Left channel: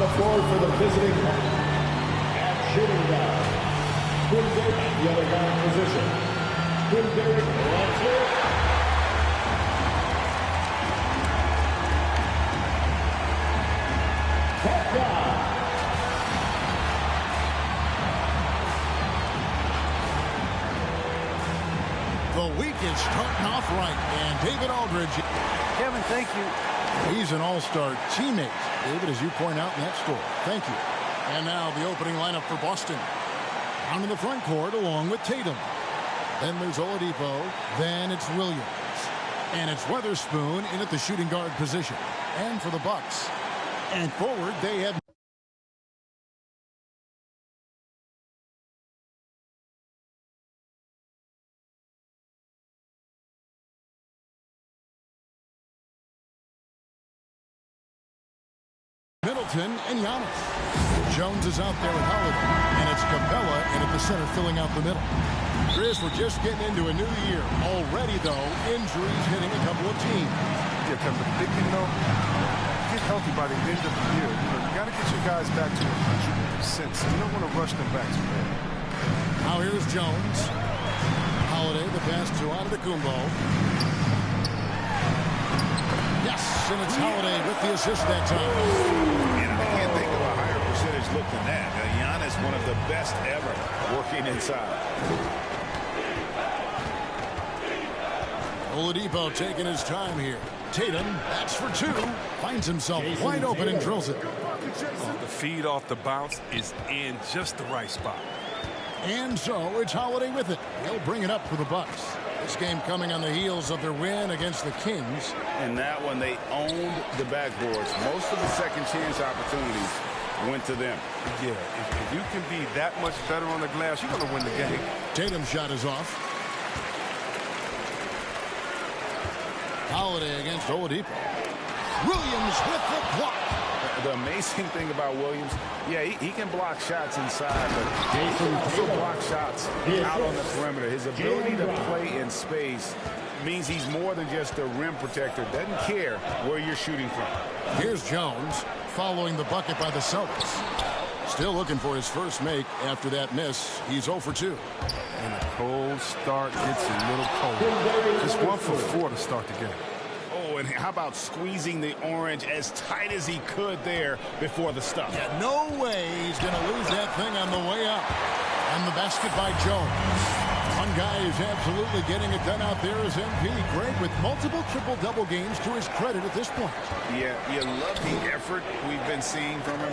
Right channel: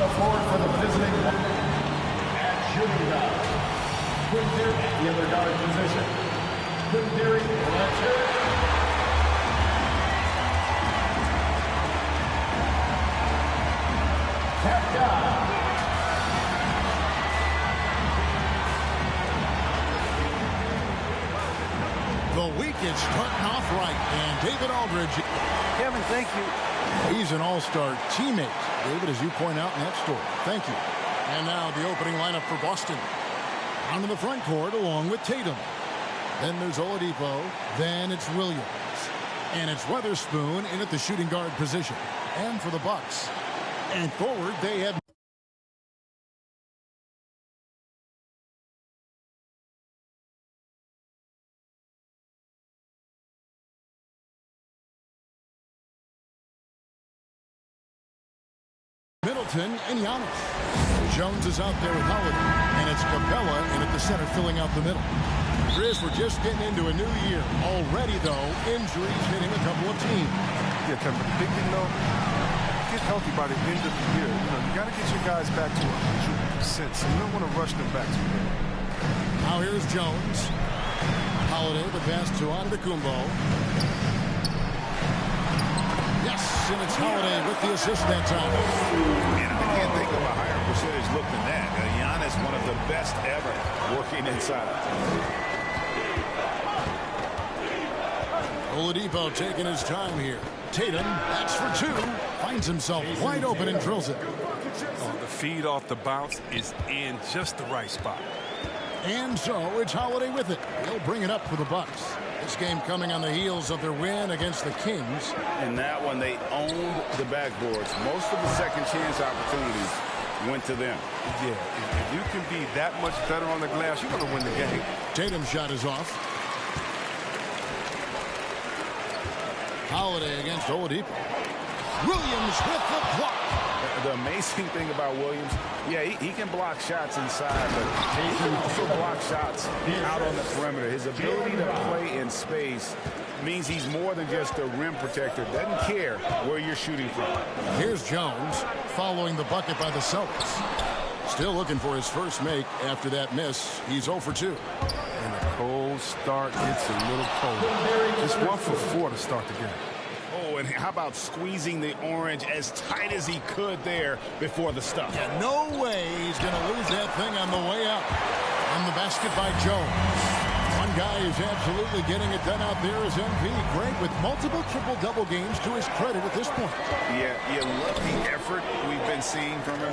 the floor for the visiting at shooting guard. Quinn at the other guard position. Quinn Derrick, let's hear it. The week is starting off right, and David Aldridge. Kevin, thank you. He's an all-star teammate, David, as you point out in that story. Thank you. And now the opening lineup for Boston. Down in the front court along with Tatum. Then there's Oladipo. Then it's Williams. And it's Weatherspoon in at the shooting guard position. And for the Bucks. And forward, they have Middleton and Giannis. Jones is out there with Holiday, and it's Capella in at the center filling out the middle. Chris, we're just getting into a new year. Already, though, injuries hitting a couple of teams. Yeah, Kevin, but the big thing, though, get healthy by the end of the year. You know, you got to get your guys back to 100%, so you don't want to rush them back too early. Now here's Jones. Holiday, the pass to Antetokounmpo. Yes, and it's Holiday with the assist that time. And I can't think of a higher percentage look than that. Giannis, one of the best ever working inside. Oladipo taking his time here. Tatum, that's for two. Finds himself wide open and drills it. Oh, the feed off the bounce is in just the right spot. And so it's Holiday with it. He'll bring it up for the Bucks. This game coming on the heels of their win against the Kings. In that one, they owned the backboards. Most of the second chance opportunities went to them. Yeah, if you can be that much better on the glass, you're going to win the game. Tatum's shot is off. Holiday against Oladipo. Williams with the block. The amazing thing about Williams, yeah, he can block shots inside, but he can also block shots out on the perimeter. His ability to play in space means he's more than just a rim protector. Doesn't care where you're shooting from. Here's Jones following the bucket by the Celtics. Still looking for his first make after that miss. He's 0 for 2. And a cold start gets a little colder. Just 1 for 4 to start the game. Oh, and how about squeezing the orange as tight as he could there before the stuff? Yeah, no way he's going to lose that thing on the way up. And the basket by Jones. One guy who's absolutely getting it done out there is MP. Great with multiple triple-double games to his credit at this point. Yeah, you love the effort we've been seeing from him.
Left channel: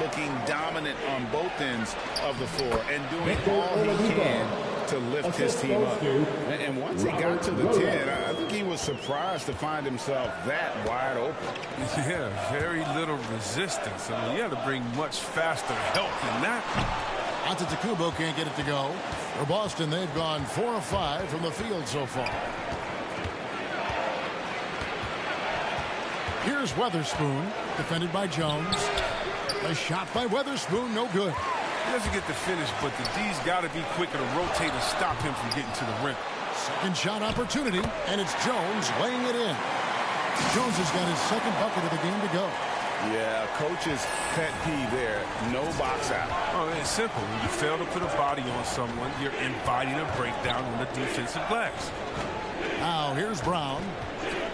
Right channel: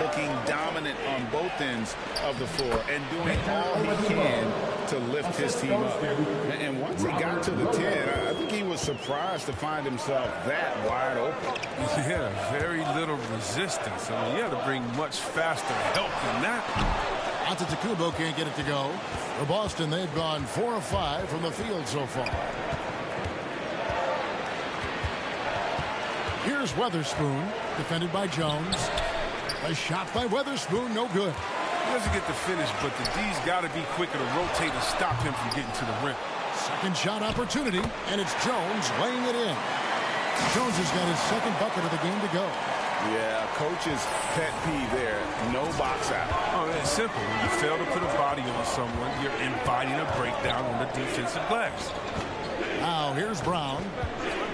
Looking dominant on both ends of the floor and doing all he can to lift his team up. And once he got to the 10, I think he was surprised to find himself that wide open. Yeah, very little resistance. I mean, you had to bring much faster help than that. Antetokounmpo can't get it to go. For Boston, they've gone 4 of 5 from the field so far. Here's Weatherspoon, defended by Jones. A shot by Weatherspoon, no good. He doesn't get the finish, but the D's got to be quicker to rotate and stop him from getting to the rim. Second shot opportunity, and it's Jones laying it in. Jones has got his second bucket of the game to go. Yeah, coach's pet peeve there, no box out. Oh, it's simple. When you fail to put a body on someone, you're inviting a breakdown on the defensive glass. Now, here's Brown.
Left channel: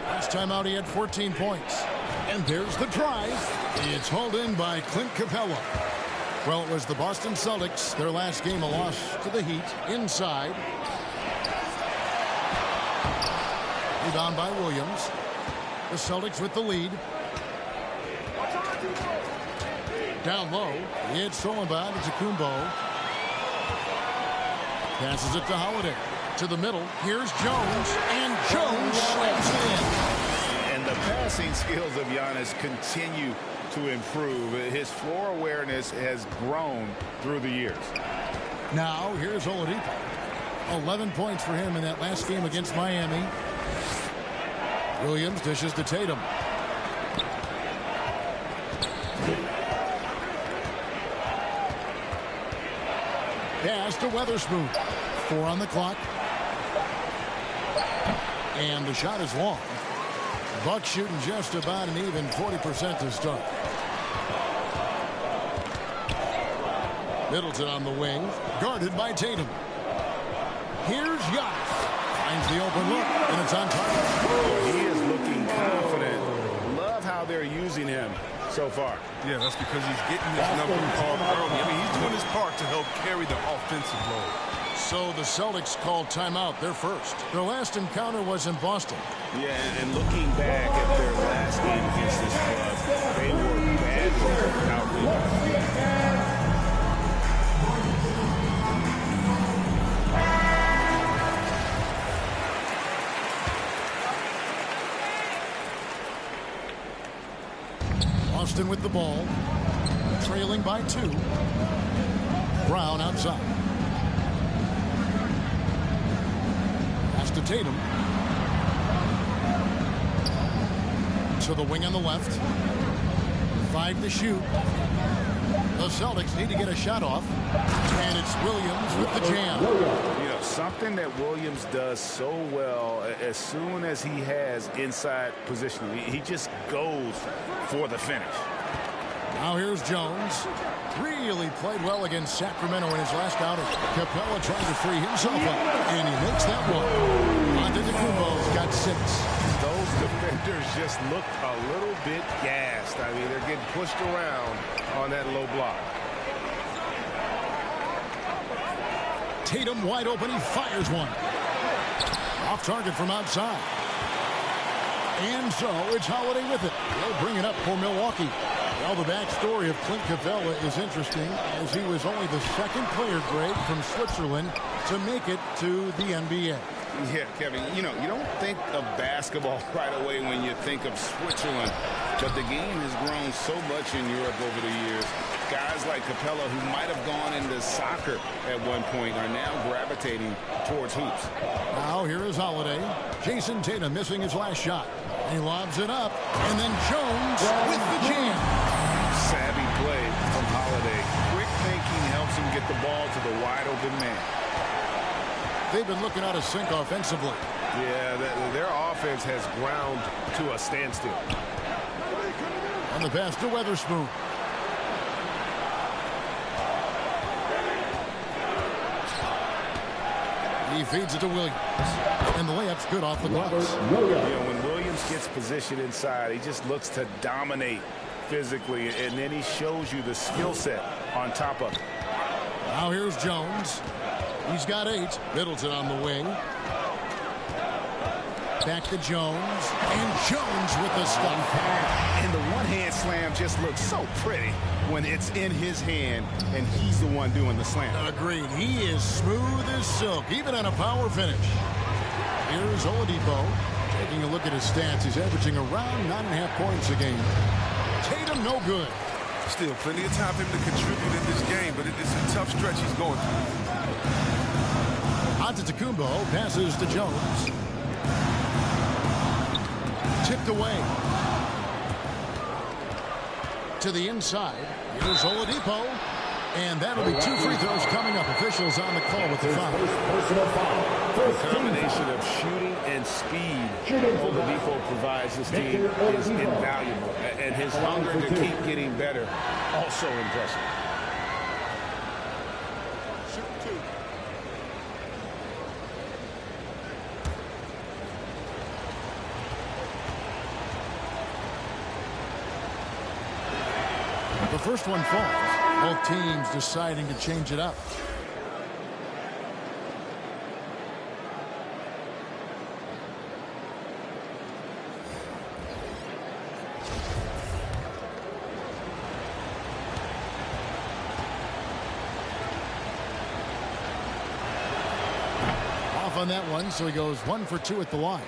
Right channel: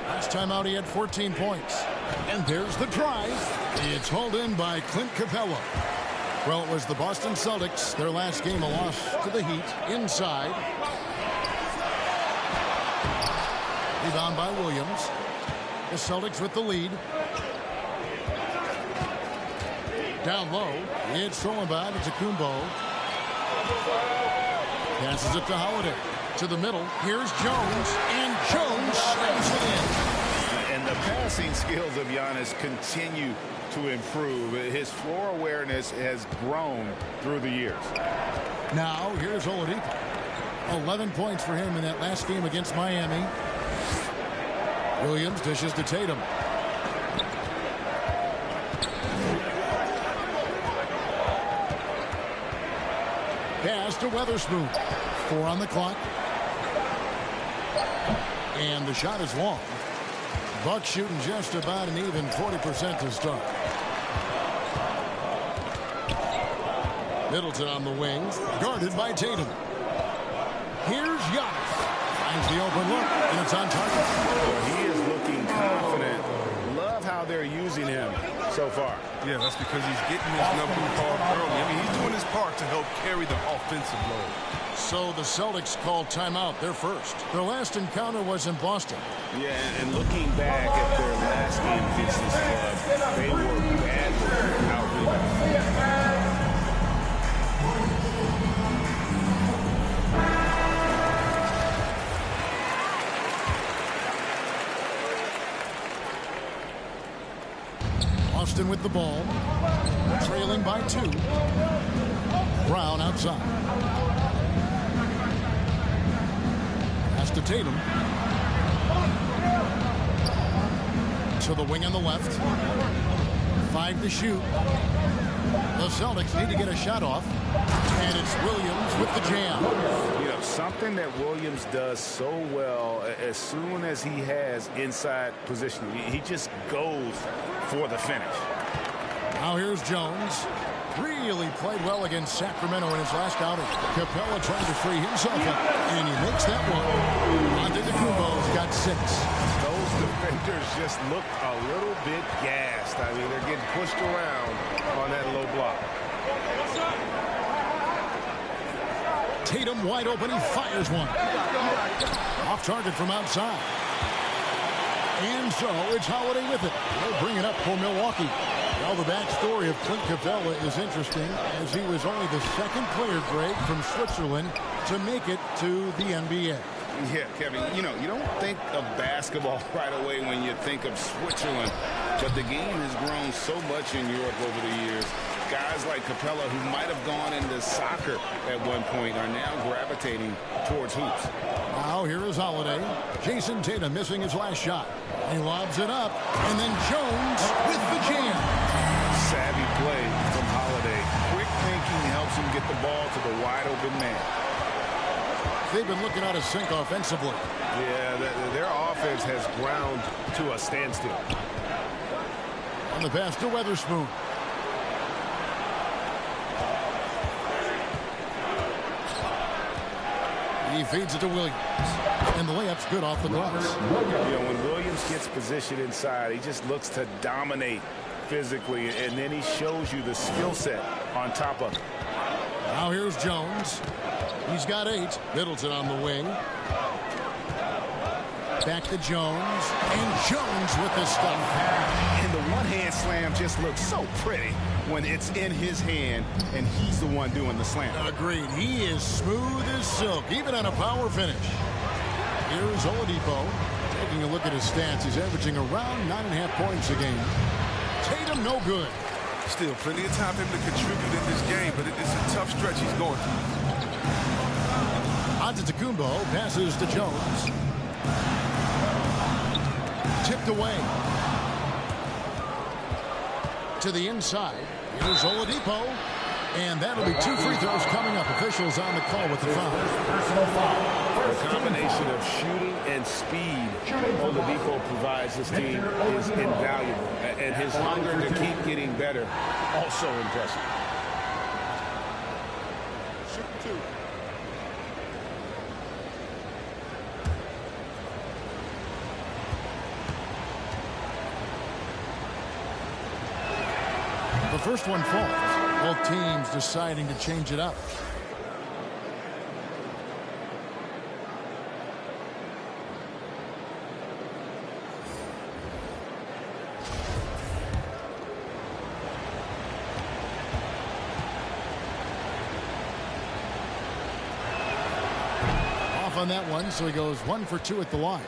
Last time out, he had 14 points. And there's the drive. It's hauled in by Clint Capella. Well, it was the Boston Celtics, their last game, a loss to the Heat, inside. Rebound by Williams. The Celtics with the lead. Down low, it's thrown by Antetokounmpo. Passes it to Holiday. To the middle, here's Jones, and Jones slams it in. And the passing skills of Giannis continue to improve. His floor awareness has grown through the years. Now, here's Oladipo. 11 points for him in that last game against Miami. Williams dishes to Tatum. Pass to Weatherspoon. 4 on the clock. And the shot is long. Bucks shooting just about an even 40% to start. Middleton on the wing, guarded by Tatum. Here's Giannis. Finds the open look, and it's on target. Well, he is looking confident. Love how they're using him so far. Yeah, that's because he's getting his number called early. I mean, he's doing his part to help carry the offensive load. So the Celtics called timeout. They're first. Their last encounter was in Boston. Yeah, and looking back at their last game against this club, they were badly out-rebounded. Boston with the ball, trailing by 2. Brown outside. Pass to Tatum. To the wing on the left. 5 to shoot. The Celtics need to get a shot off. And it's Williams with the jam. You know, something that Williams does so well, as soon as he has inside position, he just goes for the finish. Now here's Jones. Really played well against Sacramento in his last outing. Capella trying to free himself up, and he makes that one. Antetokounmpo's got 6. Those defenders just look a little bit gassed. I mean, they're getting pushed around on that low block. Tatum wide open. He fires one. Off target from outside. And so it's Holiday with it. They'll bring it up for Milwaukee. Well, the backstory of Clint Capella is interesting, as he was only the second player, Greg, from Switzerland to make it to the NBA. Yeah, Kevin, you know, you don't think of basketball right away when you think of Switzerland, but the game has grown so much in Europe over the years. Guys like Capella, who might have gone into soccer at one point, are now gravitating towards hoops. Now here is Holiday. Jason Tatum missing his last shot. He lobs it up, and then Jones with the jam. Savvy play from Holiday. Quick thinking helps him get the ball to the wide open man. They've been looking out of sync offensively. Yeah, their offense has ground to a standstill. On the pass to Weatherspoon. He feeds it to Williams. And the layup's good off the glass. You know, when Williams gets positioned inside, he just looks to dominate physically, and then he shows you the skill set on top of it. Now here's Jones. He's got 8. Middleton on the wing. Back to Jones. And Jones with the stuff. And the one-hand slam just looks so pretty when it's in his hand and he's the one doing the slam. Agreed. He is smooth as silk, even on a power finish. Here's Oladipo. Taking a look at his stats, he's averaging around 9.5 points a game. Tatum no good. Still plenty of time for him to contribute in this game, but it's a tough stretch he's going through. Antetokounmpo passes to Jones. Tipped away. To the inside. Here's Oladipo. And that'll be 2 free throws coming up. Officials on the call with the foul. Personal foul. The combination of shooting and speed Oladipo provides this team is invaluable. And his hunger to keep getting better, also impressive. Shoot 2. The first one falls. Both teams deciding to change it up. Off on that one, so he goes 1 for 2 at the line.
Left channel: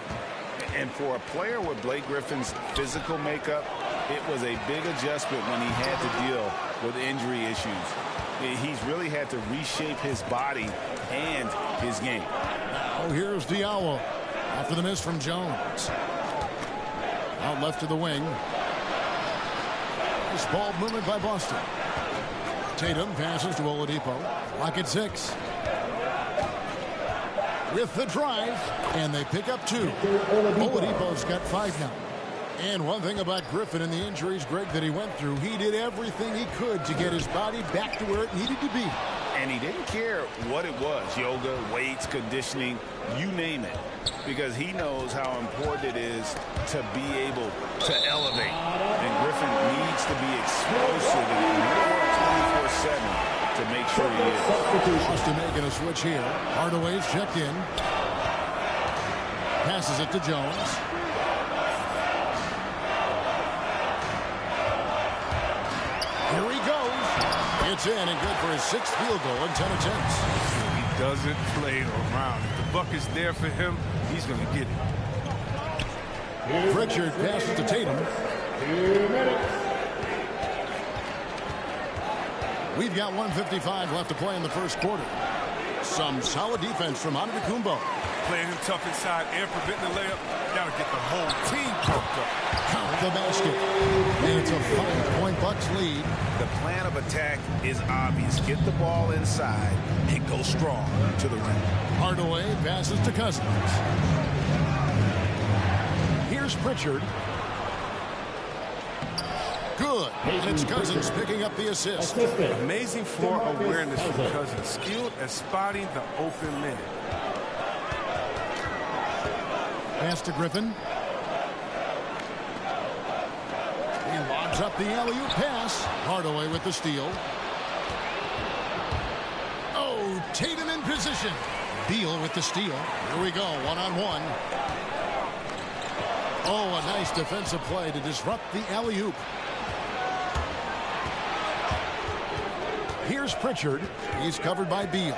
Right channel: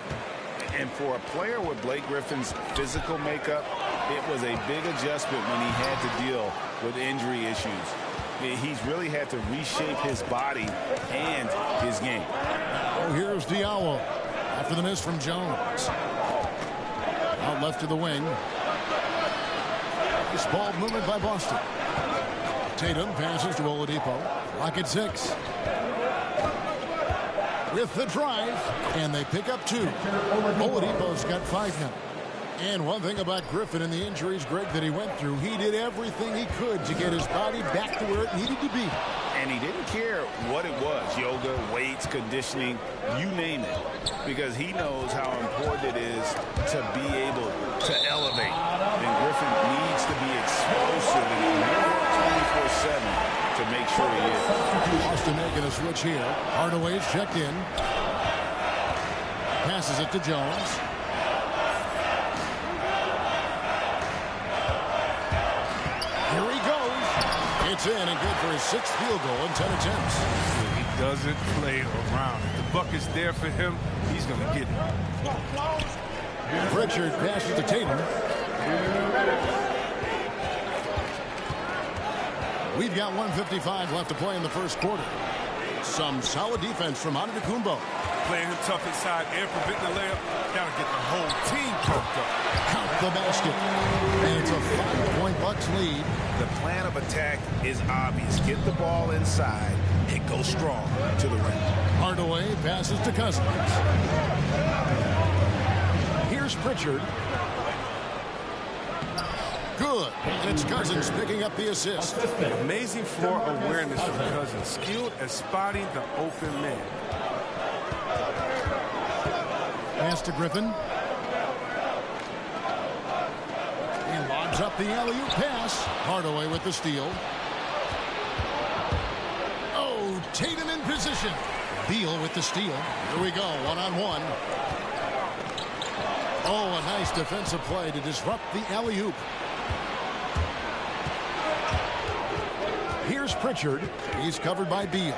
And for a player with Blake Griffin's physical makeup, it was a big adjustment when he had to deal with injury issues. He's really had to reshape his body and his game. Oh, here's Diallo after the miss from Jones. Out left to the wing. Nice ball movement by Boston. Tatum passes to Oladipo. Clock at 6. With the drive, and they pick up 2. Oladipo's got 5 now. And one thing about Griffin and the injuries, Greg, that he went through, he did everything he could to get his body back to where it needed to be. And he didn't care what it was, yoga, weights, conditioning, you name it, because he knows how important it is to be able to elevate. And Griffin needs to be explosive and he'll work 24/7 to make sure he is. Boston making a switch here. Hardaway's checked in. Passes it to Jones. Here he goes. It's in and good for his 6th field goal in 10 attempts. He doesn't play around. If the buck is there for him, he's going to get it. Pritchard passes to Tatum. 2 minutes. We've got 1:55 left to play in the first quarter. Some solid defense from Antetokounmpo. Playing him tough inside and preventing the layup. Got to get the whole team pumped up. Count the basket. And it's a 5-point Bucks lead. The plan of attack is obvious. Get the ball inside and go strong to the rim. Hardaway passes to Cousins. Here's Pritchard. Good. And it's Cousins picking up the assist. Amazing floor awareness from Cousins. Skilled at spotting the open man. Pass to Griffin. He lobs up the alley-oop pass. Hardaway with the steal. Oh, Tatum in position. Beal with the steal. Here we go, one-on-one. Oh, a nice defensive play to disrupt the alley-oop. Here's Pritchard. He's covered by Beal.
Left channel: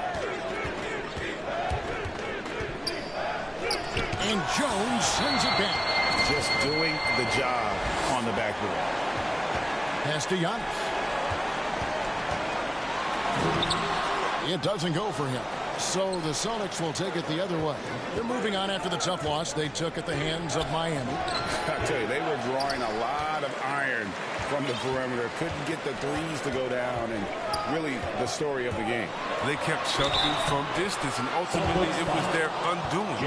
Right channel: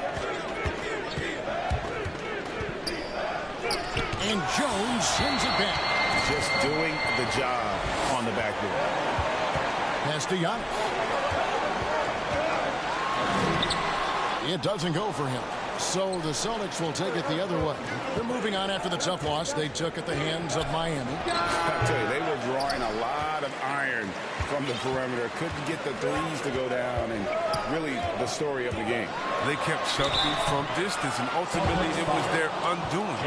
And Jones sends it back. Just doing the job on the backboard. Pass to Giannis. It doesn't go for him. So the Celtics will take it the other way. They're moving on after the tough loss they took at the hands of Miami. I tell you, they were drawing a lot of iron from the perimeter. Couldn't get the threes to go down, and really the story of the game. They kept chunking from distance, and ultimately it was their undoing.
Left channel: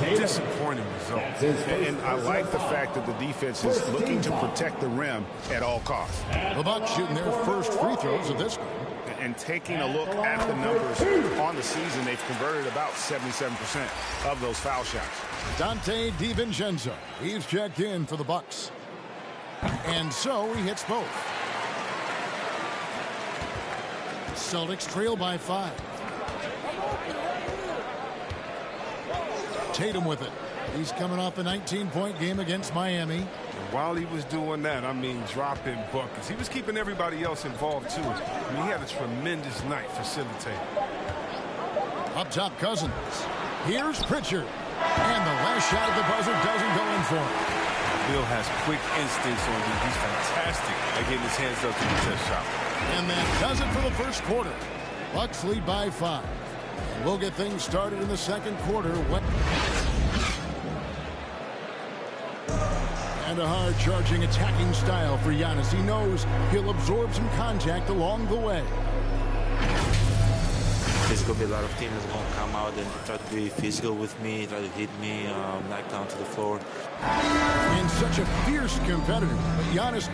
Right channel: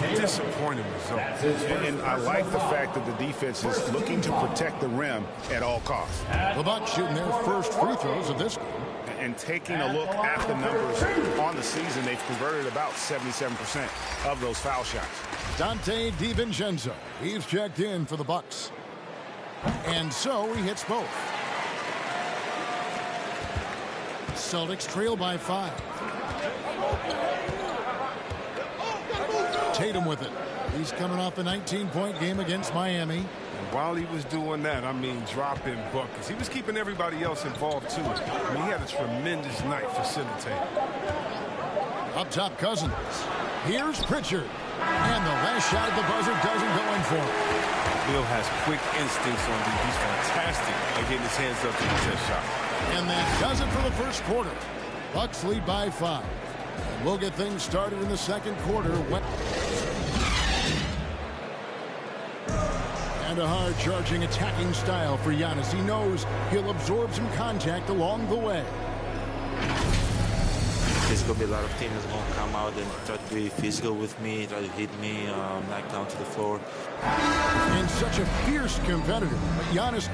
Disappointing result. And I like the fact that the defense is looking to protect the rim at all costs. The Bucks shooting their first free throws of this game. And taking a look at the numbers on the season, they've converted about 77% of those foul shots. Dante DiVincenzo. He's checked in for the Bucks. And so he hits both. Celtics trail by 5. Tatum with it. He's coming off a 19-point game against Miami. And while he was doing that, I mean, dropping buckets. He was keeping everybody else involved, too. I mean, he had a tremendous night facilitating. Up top, Cousins. Here's Pritchard. And the last shot at the buzzer doesn't go in for him. Bill has quick instincts on D. He's fantastic at getting his hands up to the test shot. And that does it for the first quarter. Bucks lead by 5. And we'll get things started in the second quarter. And a hard-charging attacking style for Giannis. He knows he'll absorb some contact along the way. There's going to be a lot of teams that's going to come out and try to be physical with me, try to hit me, knock down to the floor. And such a fierce competitor. But Giannis...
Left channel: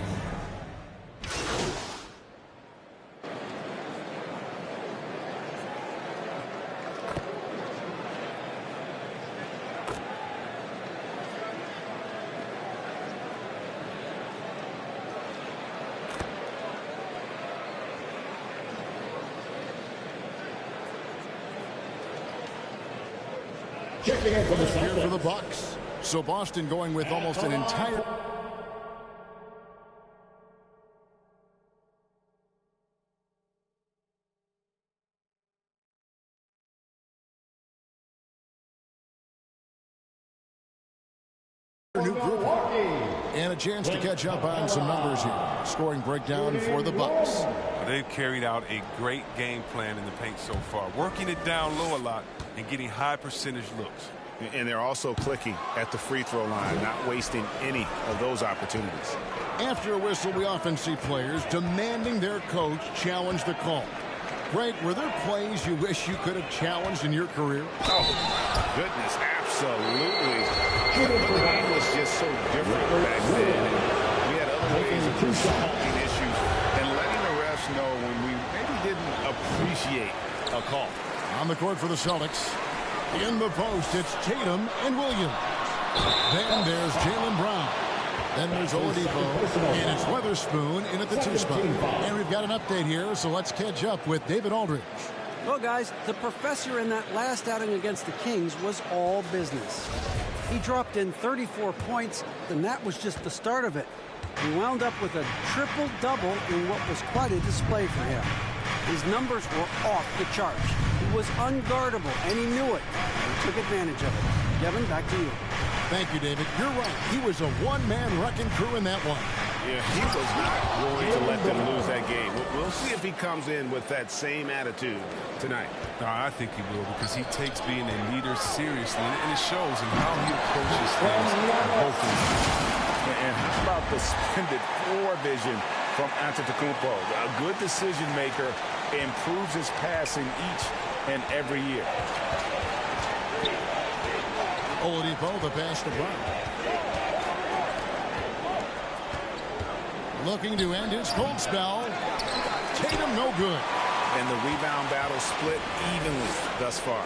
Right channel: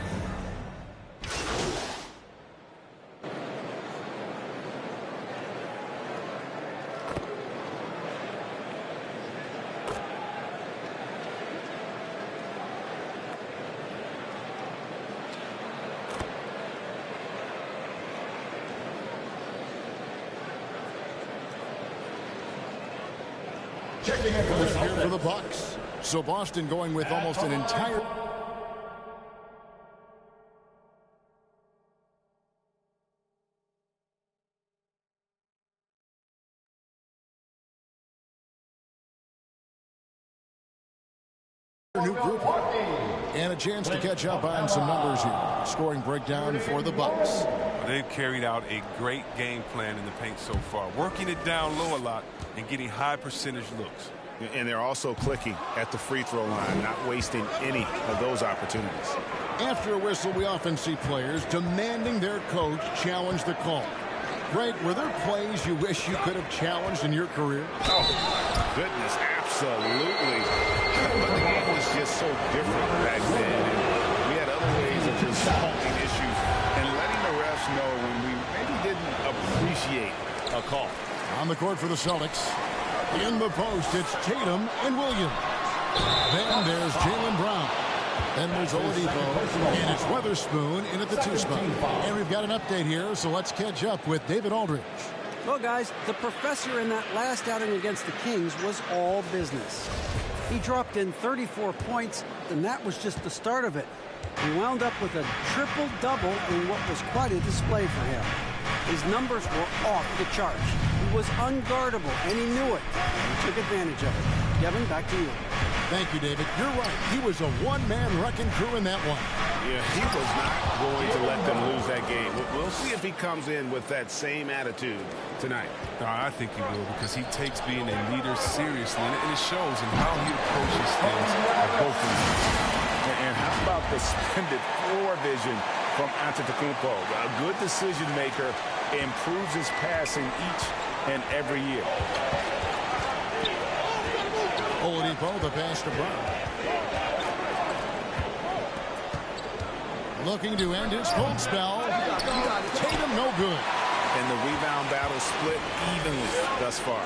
Checking in for the here for the Bucks. So Boston going with almost an entire... new group and a chance to catch up on some numbers here. Scoring breakdown for the Bucks. They've carried out a great game plan in the paint so far, working it down low a lot and getting high percentage looks. And they're also clicking at the free throw line, not wasting any of those opportunities. After a whistle, we often see players demanding their coach challenge the call. Greg, were there plays you wish you could have challenged in your career? Oh, my goodness, absolutely. But the game was just so different back then, and we had other ways of resolving issues and letting the refs know when we maybe didn't appreciate a call. On the court for the Celtics. In the post, it's Tatum and Williams. Then there's Jaylen Brown. Then there's Oladipo, and it's Weatherspoon in at the 2 spot. And we've got an update here, so let's catch up with David Aldridge. Well, guys, the professor in that last outing against the Kings was all business. He dropped in 34 points, and that was just the start of it. He wound up with a triple-double in what was quite a display for him. His numbers were off the charts. He was unguardable, and he knew it. And he took advantage of it. Kevin, back to you. Thank you, David. You're right. He was a one-man wrecking crew in that one. Yeah, he was not going to let them lose that game. We'll see if he comes in with that same attitude tonight. No, I think he will, because he takes being a leader seriously, and it shows in how he approaches things at both ends. And how about the suspended floor vision from Antetokounmpo? A good decision maker, improves his passing each and every year. Oladipo, the pass to Brown. Looking to end his cold spell. Tatum no good. And the rebound battle split evenly thus far.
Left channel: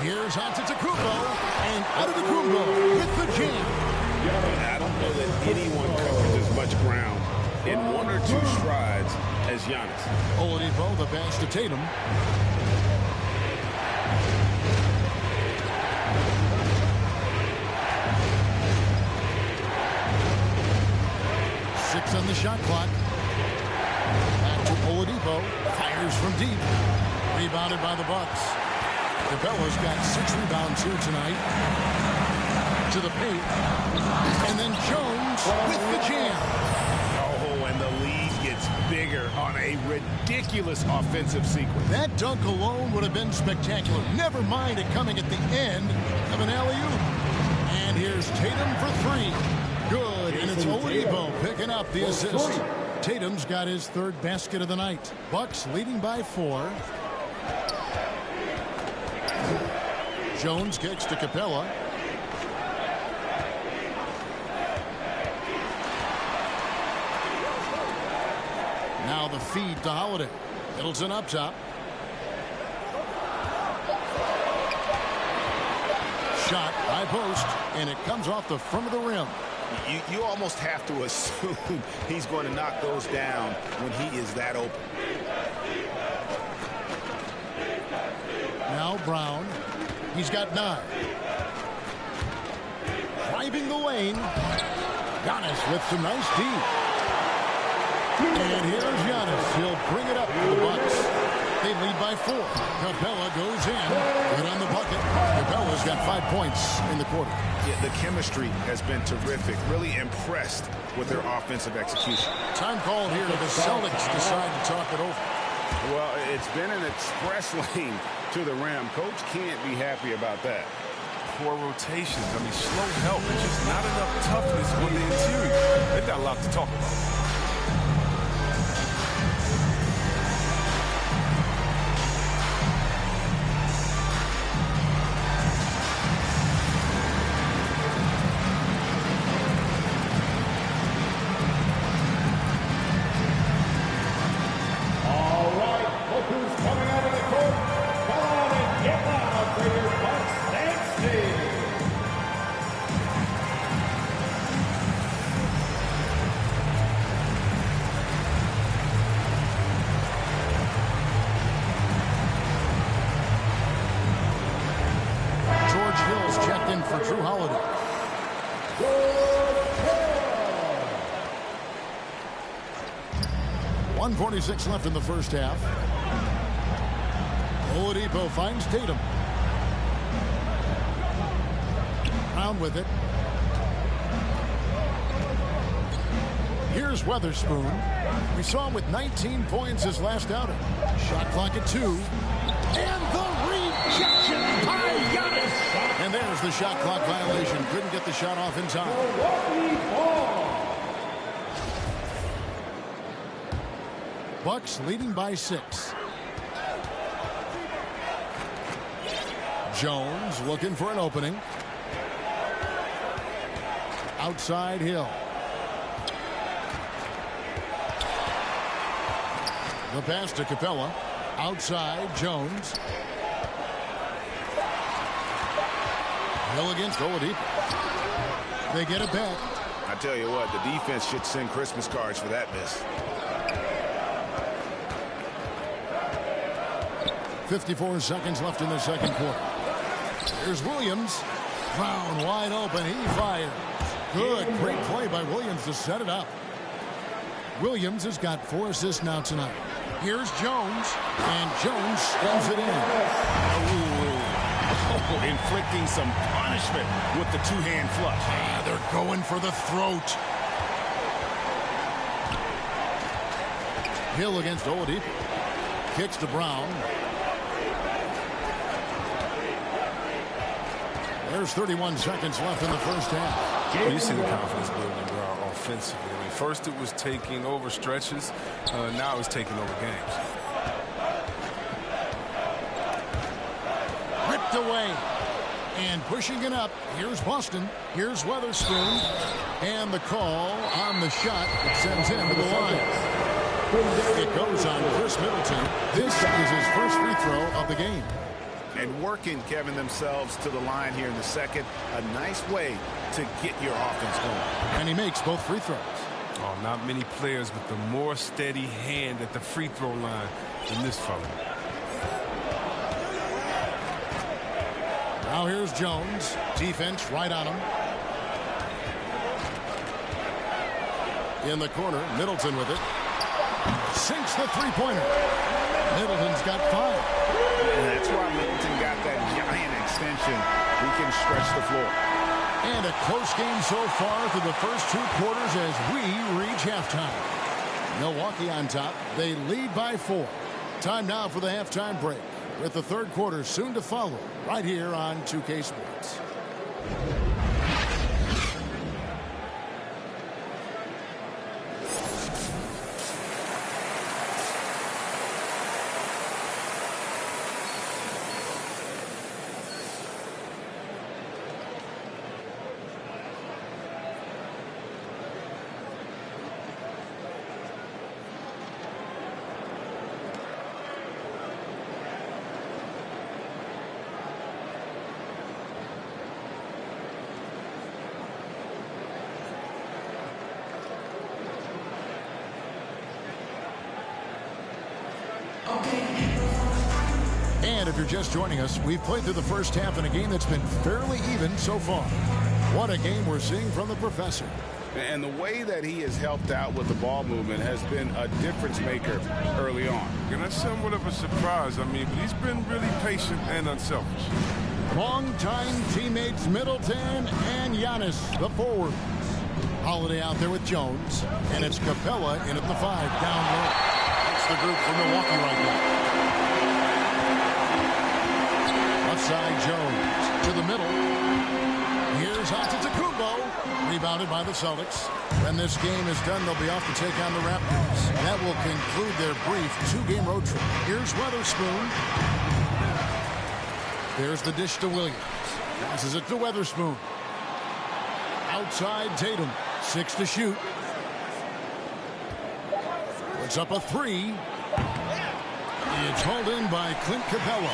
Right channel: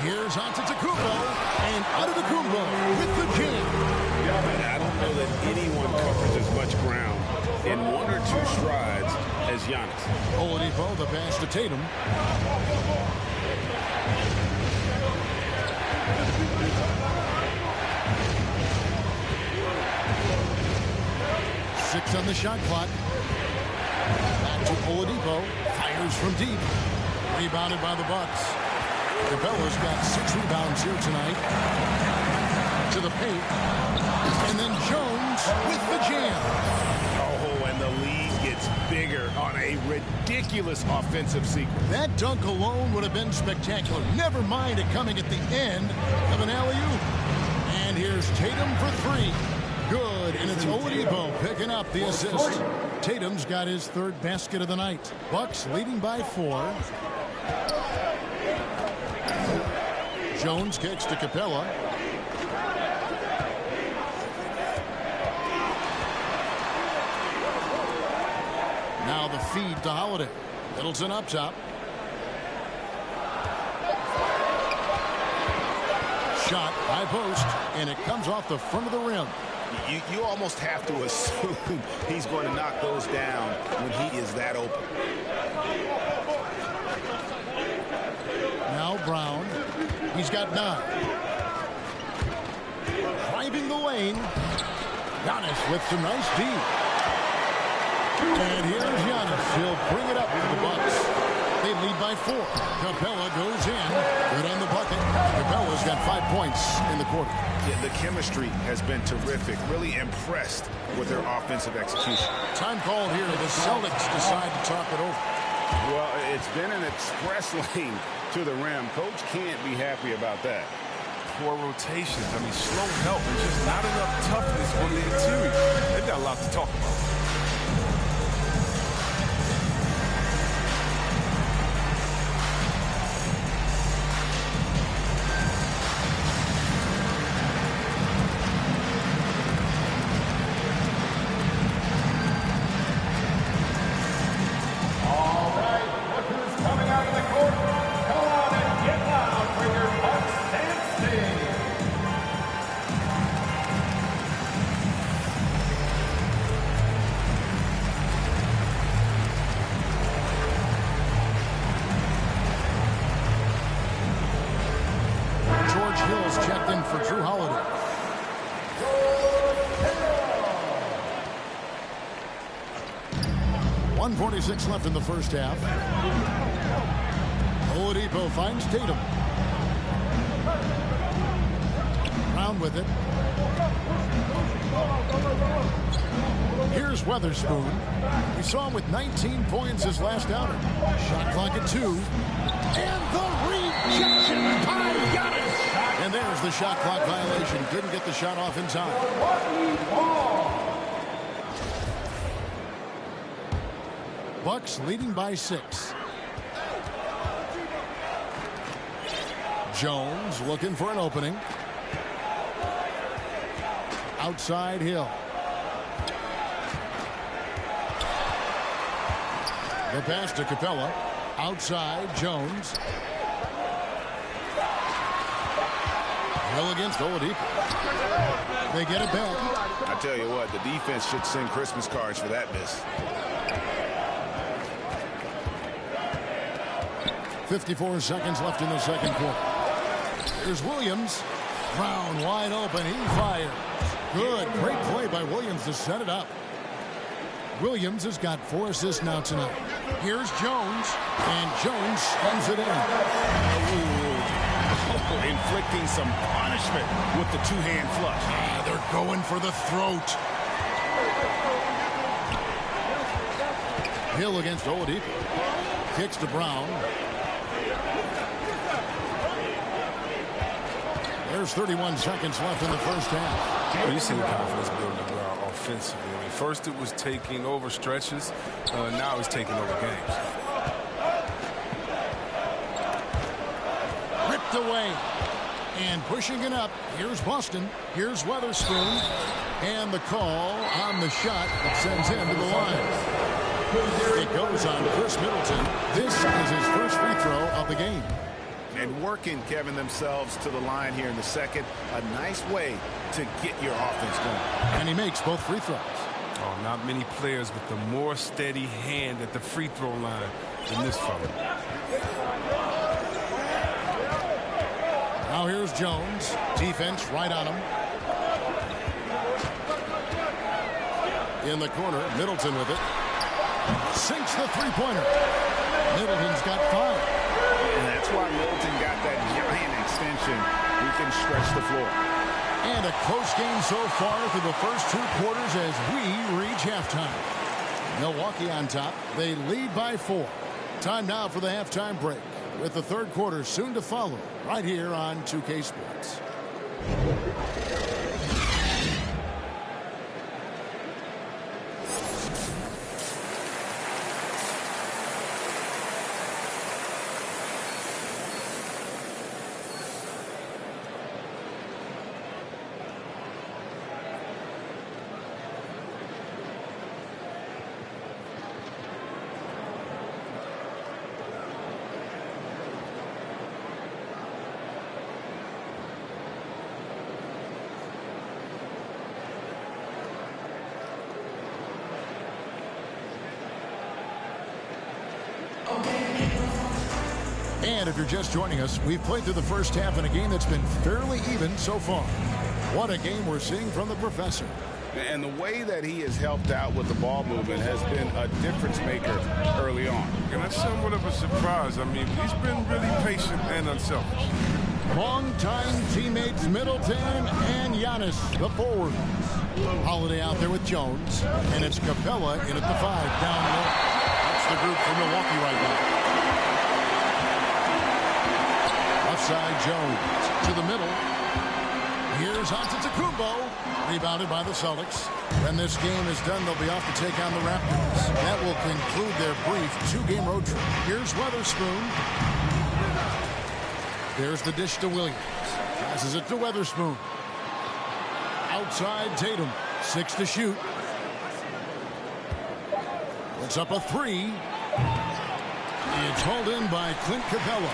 Here's Antetokounmpo, and Antetokounmpo with the jam. I don't know that anyone covers as much ground in 1 or 2 strides as Giannis. Oladipo, the pass to Tatum. Six on the shot clock. Back to Oladipo. Fires from deep. Rebounded by the Bucks. Capella's got 6 rebounds here tonight. To the paint. And then Jones with the jam. Oh, and the lead gets bigger on a ridiculous offensive sequence. That dunk alone would have been spectacular. Never mind it coming at the end of an alley-oop. And here's Tatum for 3. Good, and it's Oladipo picking up the assist. Tatum's got his 3rd basket of the night. Bucks leading by 4. Jones kicks to Capella. Now the feed to Holiday. Middleton up top. Shot, high post, and it comes off the front of the rim. You almost have to assume he's going to knock those down when he is that open. Now Brown. He's got 9. Driving the lane. Giannis with some nice D. And here's Giannis. He'll bring it up for the Bucks. They lead by 4. Capella goes in. Good on the bucket. Capella's got 5 points in the quarter. Yeah, the chemistry has been terrific. Really impressed with their offensive execution. Time called here. The Celtics decide to talk it over. Well, it's been an express lane to the rim. Coach can't be happy about that. Poor rotations. I mean, slow help and just not enough toughness on the interior. They've got a lot to talk about. Hill's checked in for Drew Holiday. 1:46 left in the first half. Oladipo finds Tatum. Brown with it. Here's Weatherspoon. We saw him with 19 points his last outing. Shot clock at 2. And the rejection by Giannis. And there's the shot clock violation. Couldn't get the shot off in time. Bucks leading by 6. Jones looking for an opening. Outside Hill. The pass to Capella. Outside Jones. Hill against Oladipo. They get it back. I tell you what, the defense should send Christmas cards for that miss. 54 seconds left in the second quarter. Here's Williams. Brown wide open. He fires. Good. Great play by Williams to set it up. Williams has got 4 assists now tonight. Here's Jones. And Jones slams it in. Oh, inflicting some punishment with the two-hand flush. They're going for the throat. Hill against Oladipo. Kicks to Brown. There's 31 seconds left in the first half. Well, you see the confidence building Brown offensively. I mean, first it was taking over stretches. Now it's taking over games. Ripped away. And pushing it up. Here's Boston. Here's Weatherspoon. And the call on the shot that sends him to the line. It goes on Chris Middleton. This is his first free throw of the game. And working, Kevin, themselves to the line here in the second. A nice way to get your offense going. And he makes both free throws. Oh, not many players with the more steady hand at the free throw line than this fella. Now here's Jones. Defense right on him. In the corner, Middleton with it. Sinks the three-pointer. Middleton's got 5. And that's why Middleton got that giant extension. He can stretch the floor. And a close game so far through the first 2 quarters as we reach halftime. Milwaukee on top. They lead by 4. Time now for the halftime break, with the third quarter soon to follow right here on 2K Sports. And if you're just joining us, we've played through the first half in a game that's been fairly even so far. What a game we're seeing from the professor. And the way that he has helped out with the ball movement has been a difference maker early on. And that's somewhat of a surprise. I mean, but he's been really patient and unselfish. Long-time teammates Middleton and Giannis, the forwards. Holiday out there with Jones. And it's Capella in at the 5, down low. That's the group for Milwaukee right now. Left side Jones to the middle. Here's Antetokounmpo. Rebounded by the Celtics. When this game is done, they'll be off to take on the Raptors. That will conclude their brief 2-game road trip. Here's Weatherspoon. There's the dish to Williams. Passes it to Weatherspoon. Outside Tatum. 6 to shoot. Puts up a 3. It's hauled in by Clint Capella.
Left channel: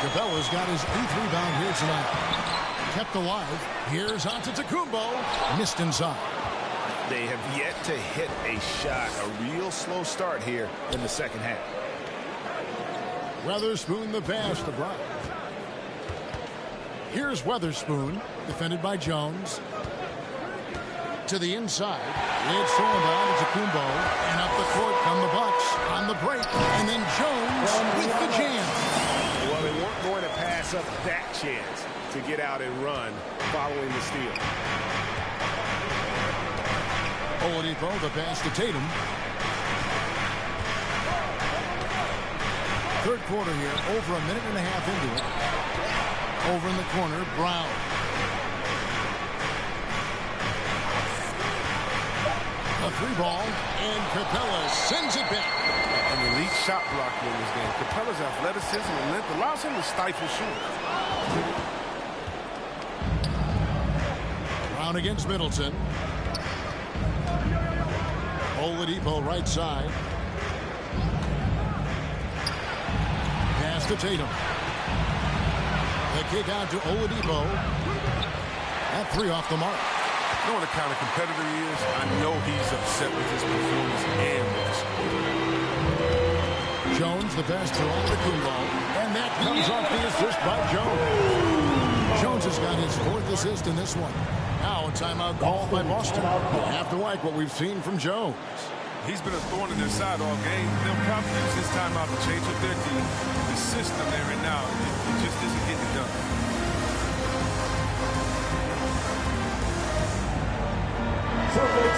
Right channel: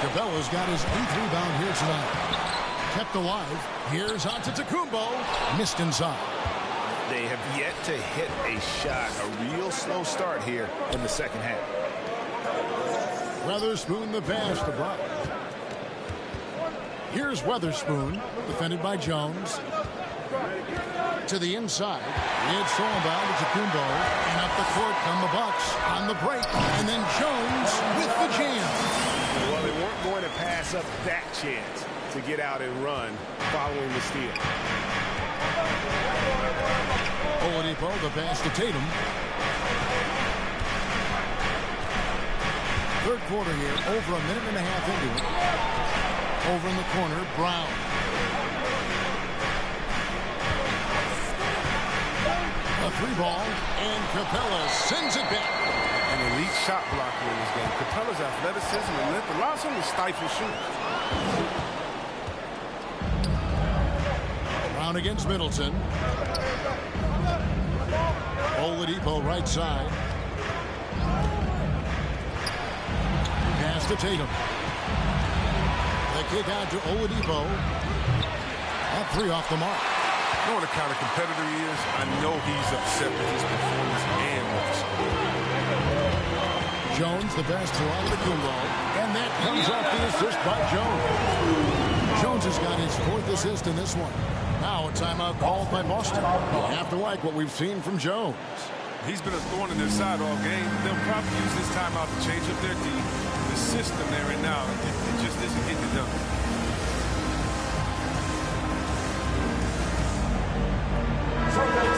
Capella's got his 8th rebound here tonight. Kept alive. Here's Antetokounmpo. Missed inside. They have yet to hit a shot. A real slow start here in the second half. Weatherspoon the pass to Brown. Here's Weatherspoon. Defended by Jones. To the inside. It's thrown by Antetokounmpo. And up the court come the Bucks on the break. And then Jones with the jam. Well, they weren't going to pass up that chance to get out and run following the steal. Oladipo, the pass to Tatum. Third quarter here, over a minute and a half into it. Over in the corner, Brown. A 3-ball, and Capella sends it back. An elite shot blocker in this game. Capella's athleticism and length allows him to stifle shooters. Brown against Middleton. Oladipo right side. Pass to Tatum. The kick out to Oladipo. That 3 off the mark. Knowing the kind of competitor he is, I know he's upset with his performance and with the score. Jones, the pass to Antetokounmpo, and that comes off the assist by Jones. Jones has got his 4th assist in this one. Now a timeout called by Boston. You have to like what we've seen from Jones. He's been a thorn in their side all game. They'll probably use this timeout to change up their team. The system they're in now, it just isn't getting it done.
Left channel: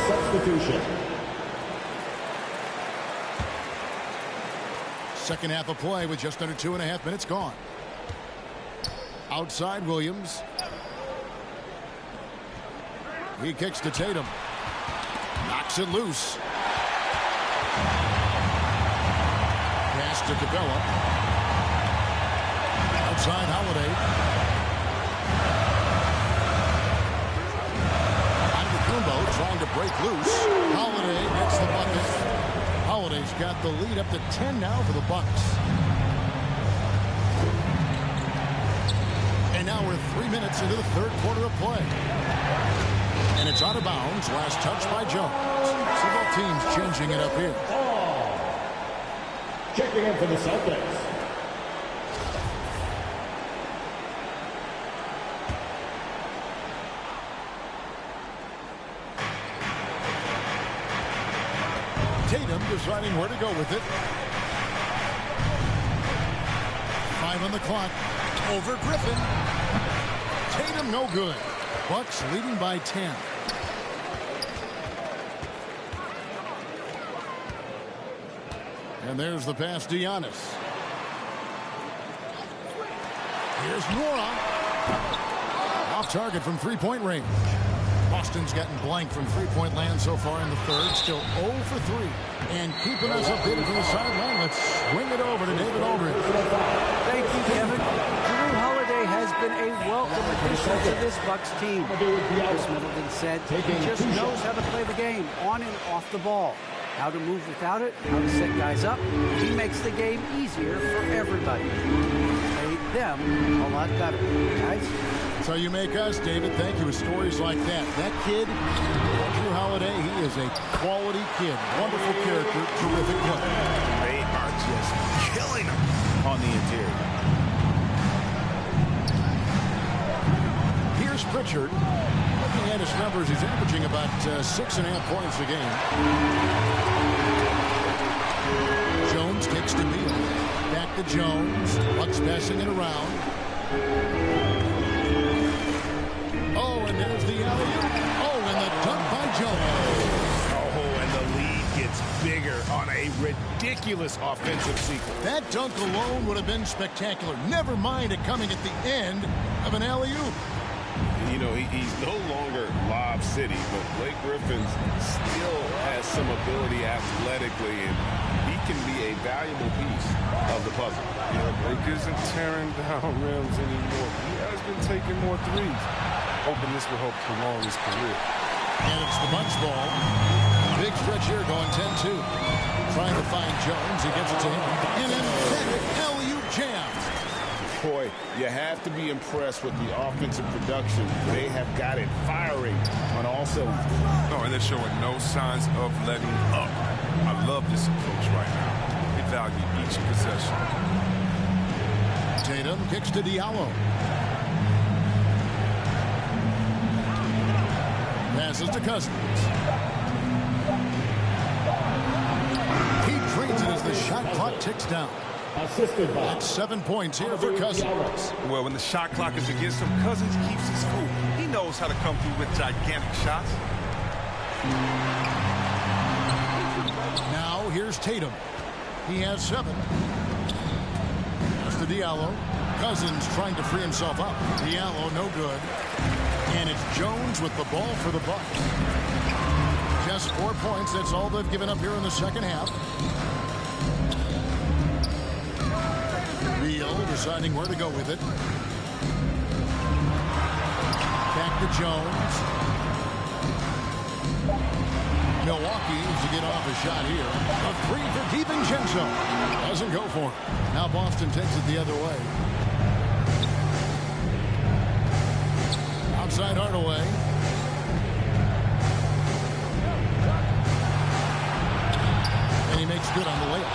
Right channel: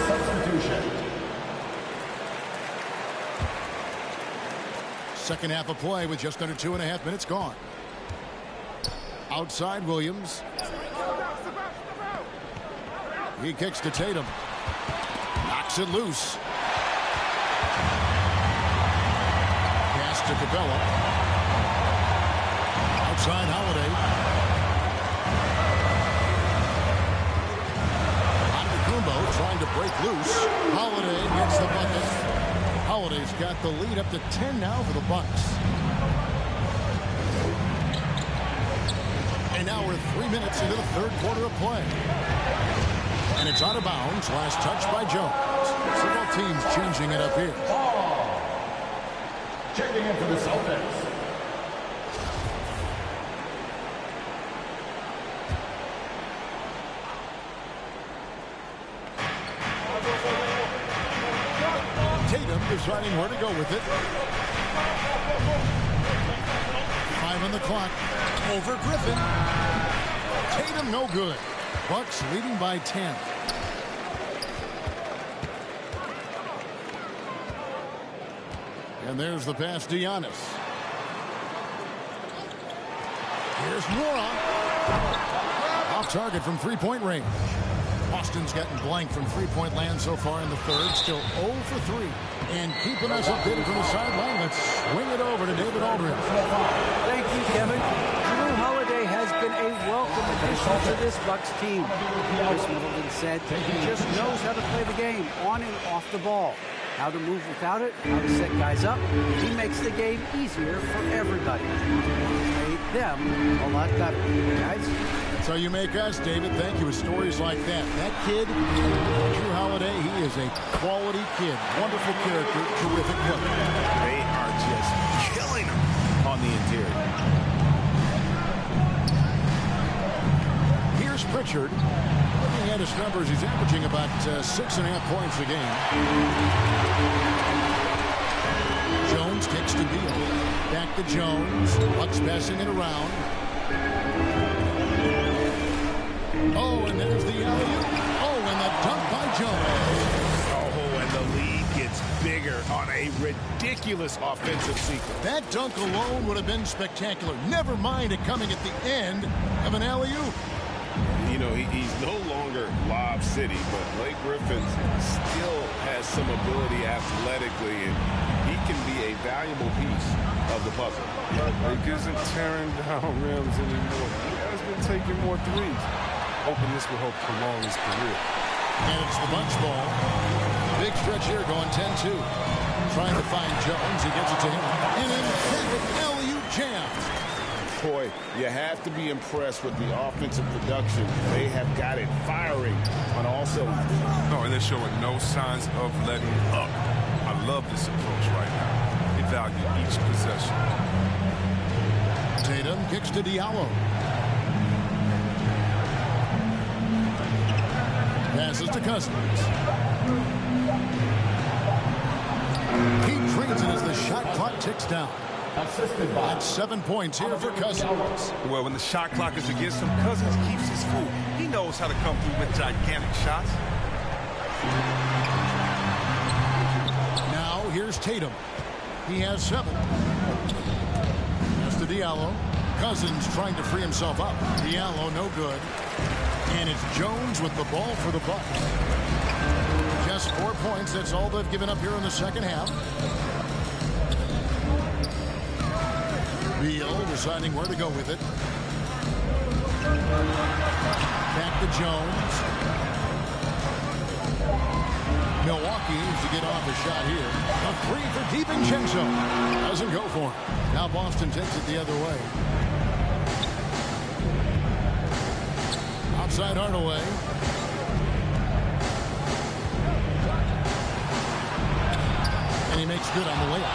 Substitution. Second half of play with just under 2.5 minutes gone. Outside Williams. He kicks to Tatum. Knocks it loose. Pass to Capella. Outside Holiday. Antetokounmpo trying to break loose. Holiday gets the bucket. Holiday's got the lead up to 10 now for the Bucks. And now we're 3 minutes into the 3rd quarter of play. And it's out of bounds. Last touch by Jones. So both teams changing it up here. Ball. Checking in for the Celtics. Tatum deciding where to go with it. 5 on the clock. Over Griffin. Tatum no good. Bucks leading by 10. And there's the pass to Giannis. Here's Nora. Off target from 3-point range. Boston's gotten blank from 3-point land so far in the 3rd. Still 0 for 3. And keeping us updated from the sideline, let's swing it over to David Aldridge. Thank you, Kevin. Drew Holiday has been a welcome addition to this Bucks team. Chris Middleton said he just knows how to play the game on and off the ball. How to move without it, how to set guys up. He makes the game easier for everybody. He's made them a lot better. Guys? That's how you make us, David. Thank you. With stories like that. That kid, Drew Holiday, he is a quality kid. Wonderful character, terrific player. They are just killing him on the interior. Here's Pritchard. Looking at his numbers, he's averaging about 6.5 points a game. Jones kicks to Beal. Back to Jones. Bucks passing it around. Oh, and there's the alley-oop. Oh, and the dunk by Jones. Oh, and the lead gets bigger on a ridiculous offensive sequence. That dunk alone would have been spectacular. Never mind it coming at the end of an alley-oop. You know, he's no longer Lob City, but Blake Griffin still has some ability athletically, and he can be a valuable piece of the puzzle. Yeah, Blake isn't tearing down rims anymore. He has been taking more threes. Hoping this will help prolong his career. And it's the Bucks ball. Big stretch here going 10-2. Trying to find Jones. He gets it to him. An emphatic alley-oop jam. Boy, you have to be impressed with the offensive production. They have got it firing on all cylinders. No, and they're showing no signs of letting up. I love this approach right now. They value each possession. Tatum kicks to Diallo. Passes to Cousins. He drains it as the shot clock ticks down. Assisted by. That's 7 points here for Cousins. Well, when the shot clock is against him, Cousins keeps his cool. He knows how to come through with gigantic shots. Now here's Tatum. He has 7. That's to Diallo. Cousins trying to free himself up. Diallo no good. And it's Jones with the ball for the Bucks. Just 4 points. That's all they've given up here in the second half. Beal deciding where to go with it. Back to Jones. Milwaukee needs to get off a shot here. A three for DiVincenzo. Doesn't go for it. Now Boston takes it the other way. Outside Hardaway. And he makes good on the layup.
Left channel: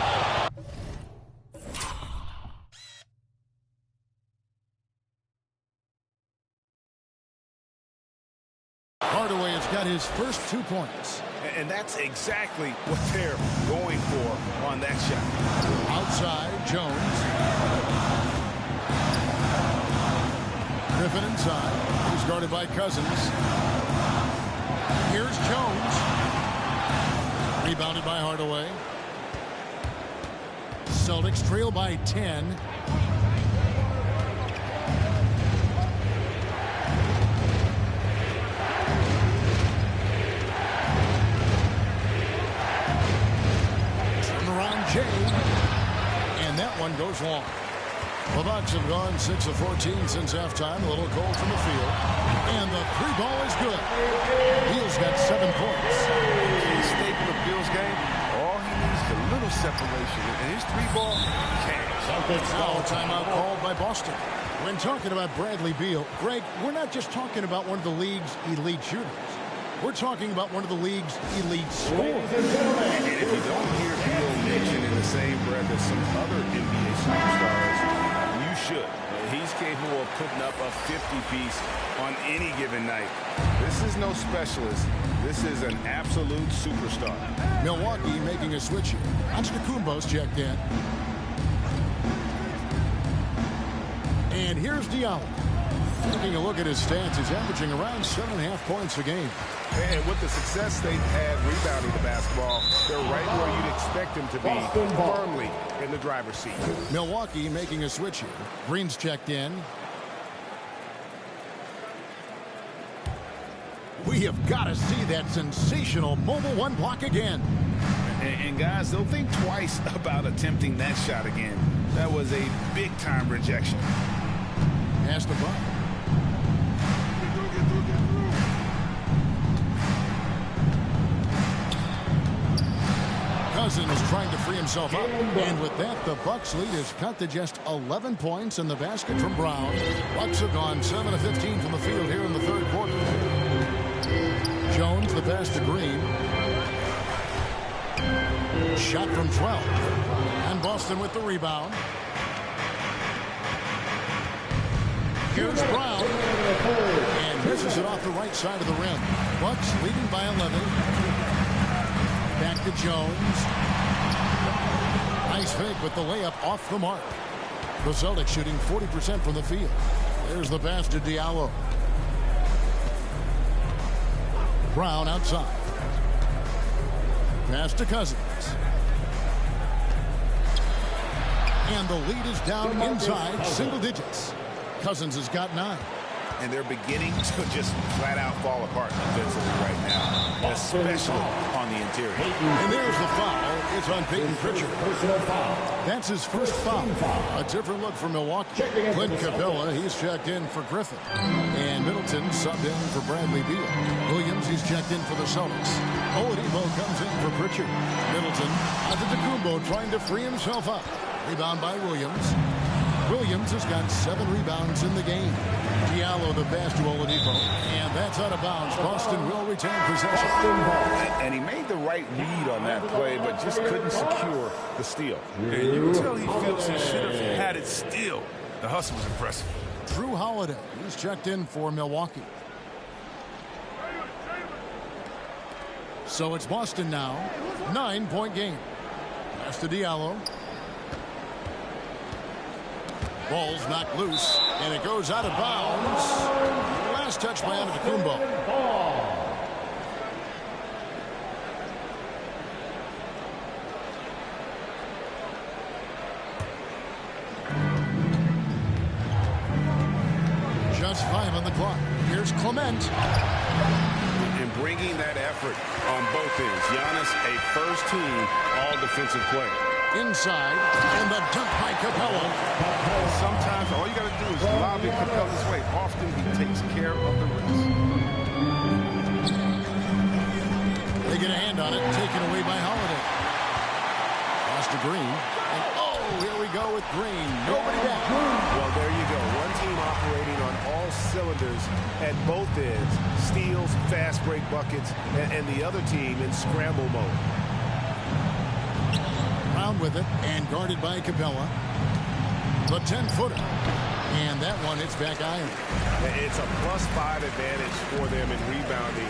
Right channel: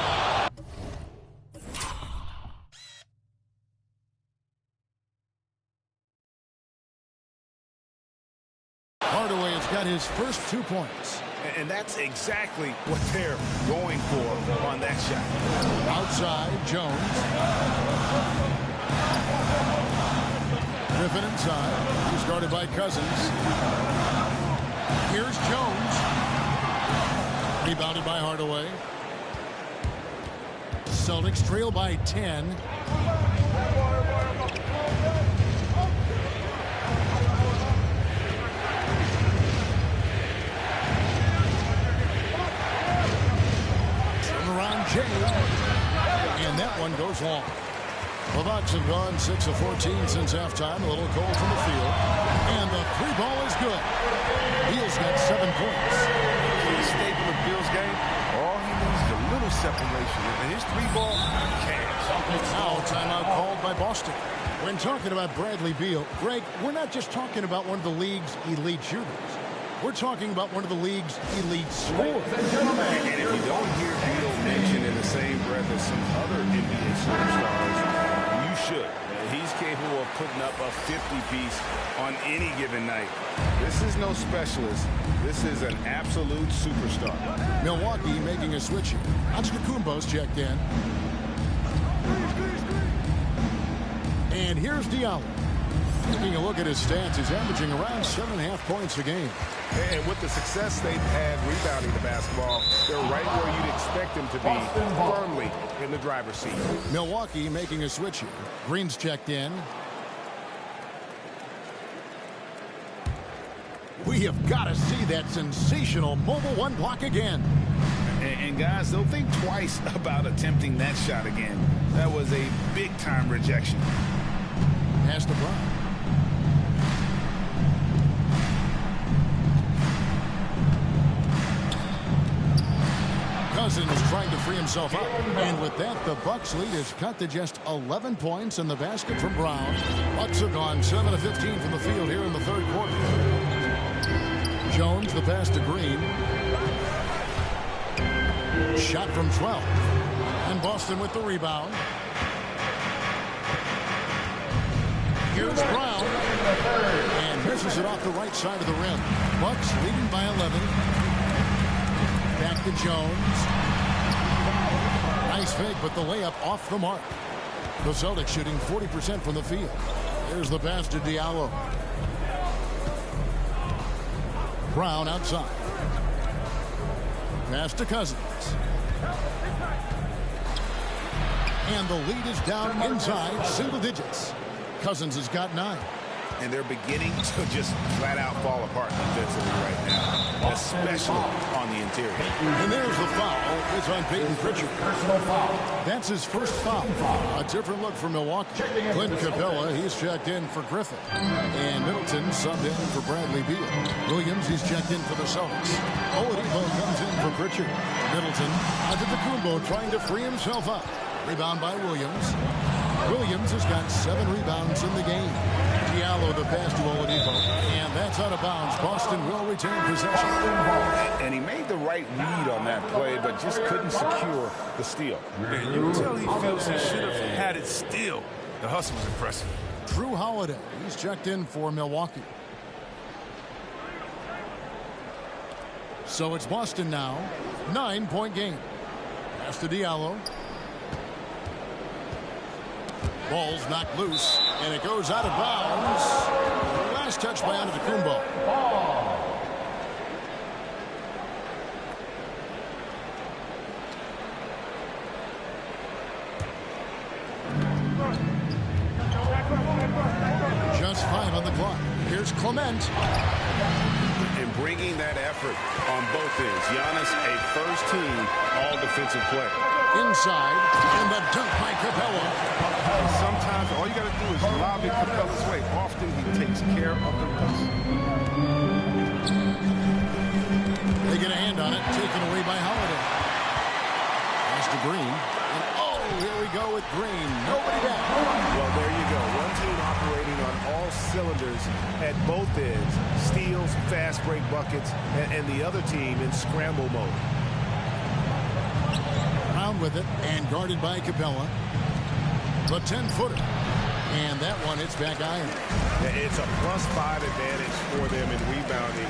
Hardaway has got his first 2 points. And that's exactly what they're going for on that shot. Outside, Jones. Griffin inside. He's guarded by Cousins. Here's Jones. Rebounded by Hardaway. Celtics trail by 10. Around Jay, and that one goes long. The Bucks have gone 6 of 14 since halftime. A little cold from the field, and the three ball is good. Beal's got 7 points. The staple of Beal's game, all he needs is a little separation, and his three ball cash. Now a timeout called by Boston. When talking about Bradley Beal, Greg, we're not just talking about one of the league's elite shooters. We're talking about one of the league's elite scorers. And if you don't hear Beal mentioned in the same breath as some other NBA superstars, you should. He's capable of putting up a 50-piece on any given night. This is no specialist. This is an absolute superstar. Milwaukee making a switch here. Antetokounmpo's checked in. And here's Diallo. Taking a look at his stats, he's averaging around 7.5 points a game. And with the success they've had rebounding the basketball, they're right where you'd expect them to be, firmly in the driver's seat. Milwaukee making a switch here. Green's checked in. We have got to see that sensational mobile one block again. And guys, they'll think twice about attempting that shot again. That was a big-time rejection. Pass to Brown. Cousins trying to free himself up. And with that, the Bucks lead is cut to just 11 points in the basket from Brown. Bucks have gone 7 of 15 from the field here in the third quarter. Jones, the pass to Green. Shot from 12. And Boston with the rebound. Here's Brown. And misses it off the right side of the rim. Bucks leading by 11. Back to Jones. Nice fake, but the layup off the mark. The Celtics shooting 40% from the field. There's the pass to Diallo. Brown outside. Pass to Cousins. And the lead is down inside single digits. Cousins has got 9. And they're beginning to just flat out fall apart defensively right now, especially on the interior. And there's the foul. It's on Peyton Pritchard. Personal foul. That's his first foul. A different look for Milwaukee. Clint Capella, he's checked in for Griffin. And Middleton subbed in for Bradley Beal. Williams, he's checked in for the Celtics. Oladipo comes in for Pritchard. Middleton, Antetokounmpo trying to free himself up. Rebound by Williams. Williams has got 7 rebounds in the game. Diallo the pass to Oladipo. And that's out of bounds. Boston will retain possession. And he made the right read on that play, but just couldn't secure the steal. And you can tell he feels he should have had it still. The hustle was impressive. Drew Holiday, he's checked in for Milwaukee. So it's Boston now. 9-point game. Pass to Diallo. Ball's knocked loose, and it goes out of bounds. Last touch by Antetokounmpo. Just 5 on the clock. Here's Clement. And bringing that effort on both ends. Giannis, a first-team all-defensive player. Inside, and the dunk by Capella. And sometimes all you got to do is lob it Capella's way. Often he takes care of the rest. They get a hand on it, taken away by Holiday. Pass to Green, and oh, here we go with Green. Nobody back. Well, there you go. One team operating on all cylinders at both ends. Steals, fast break buckets, and the other team in scramble mode. Brown with it, and guarded by Capella. The 10-footer. And that one hits back iron. It's a +5 advantage for them in rebounding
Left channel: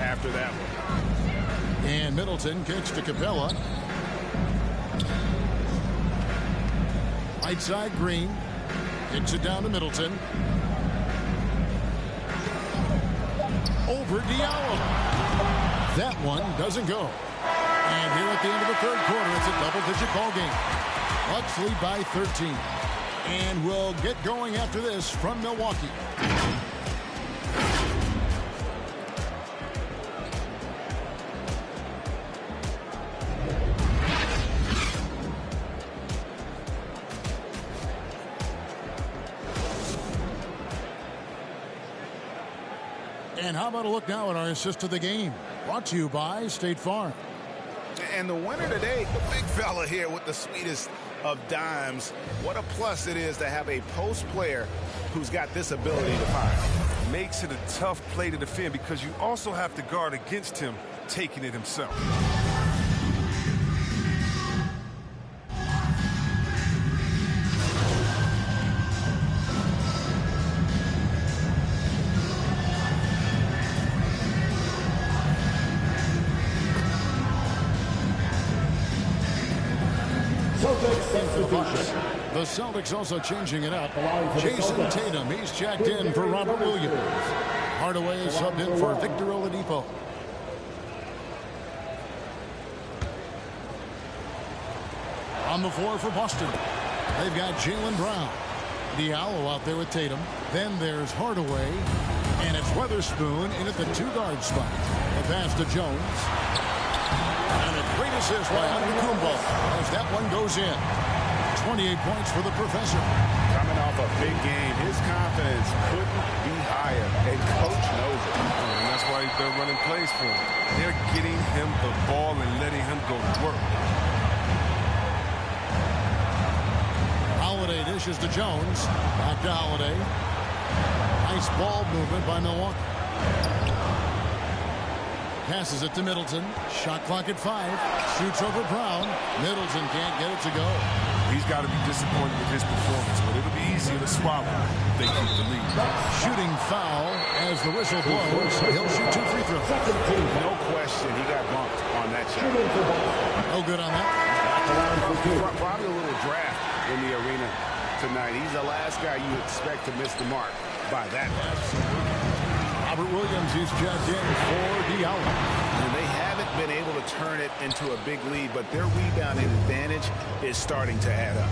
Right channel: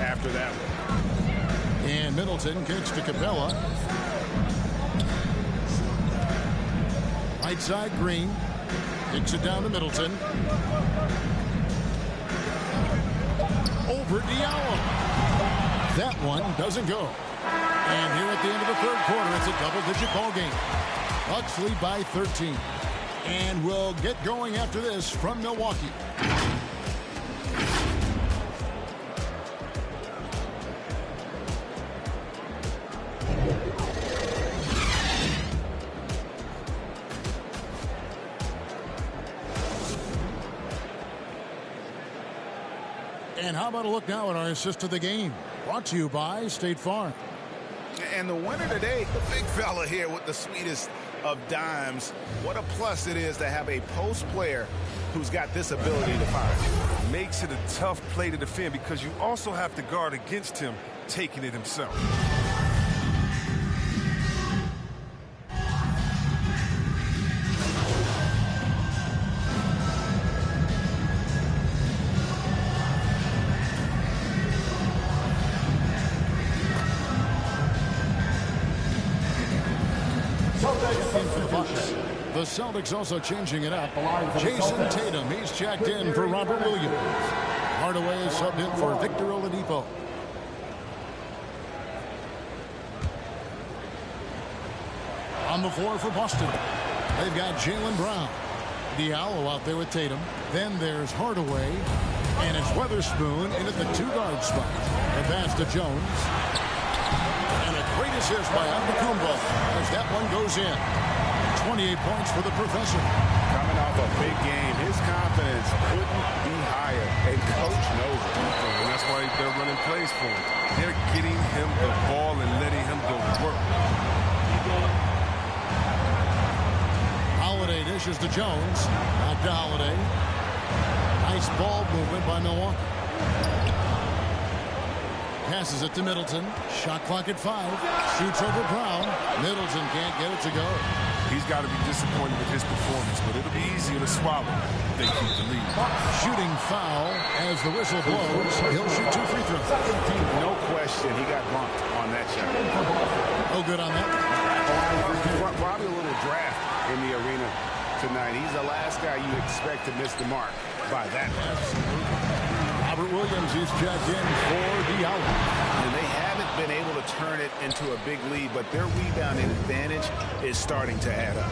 after that one. And Middleton kicks to Capella. Right side, Green. Kicks it down to Middleton. Over Diallo. That one doesn't go. And here at the end of the third quarter, it's a double-digit ball game. Bucks lead by 13. And we'll get going after this from Milwaukee. And how about a look now at our assist of the game? Brought to you by State Farm. And the winner today, the big fella here with the sweetest of dimes. What a plus it is to have a post player who's got this ability to fire. Makes it a tough play to defend because you also have to guard against him taking it himself. For the Bucks. The Celtics also changing it up. Jason Tatum, he's checked in for Robert Williams. Hardaway is subbed in for Victor Oladipo. On the floor for Boston, they've got Jaylen Brown. Diallo out there with Tatum. Then there's Hardaway. And it's Weatherspoon in at the two-guard spot. The pass to Jones. And a great assist by Antetokounmpo as that one goes in. 28 points for the professor. Coming off a big game, his confidence couldn't be higher, and coach knows it. And that's why they're running plays for him. They're getting him the ball and letting him go to work. Holiday dishes to Jones. Back to Holiday. Nice ball movement by Milwaukee. Passes it to Middleton. Shot clock at 5. Shoots over Brown. Middleton can't get it to go. He's got to be disappointed with his performance, but it'll be easier to swallow if they keep the lead. Shooting foul as the whistle blows. He'll shoot 2 free throws. No question, he got bumped on that shot. No good on that one. Probably a little draft in the arena tonight. He's the last guy you expect to miss the mark by that much. Robert Williams is checked in for Diallo. And they haven't been able to turn it into a big lead, but their rebounding advantage is starting to add up.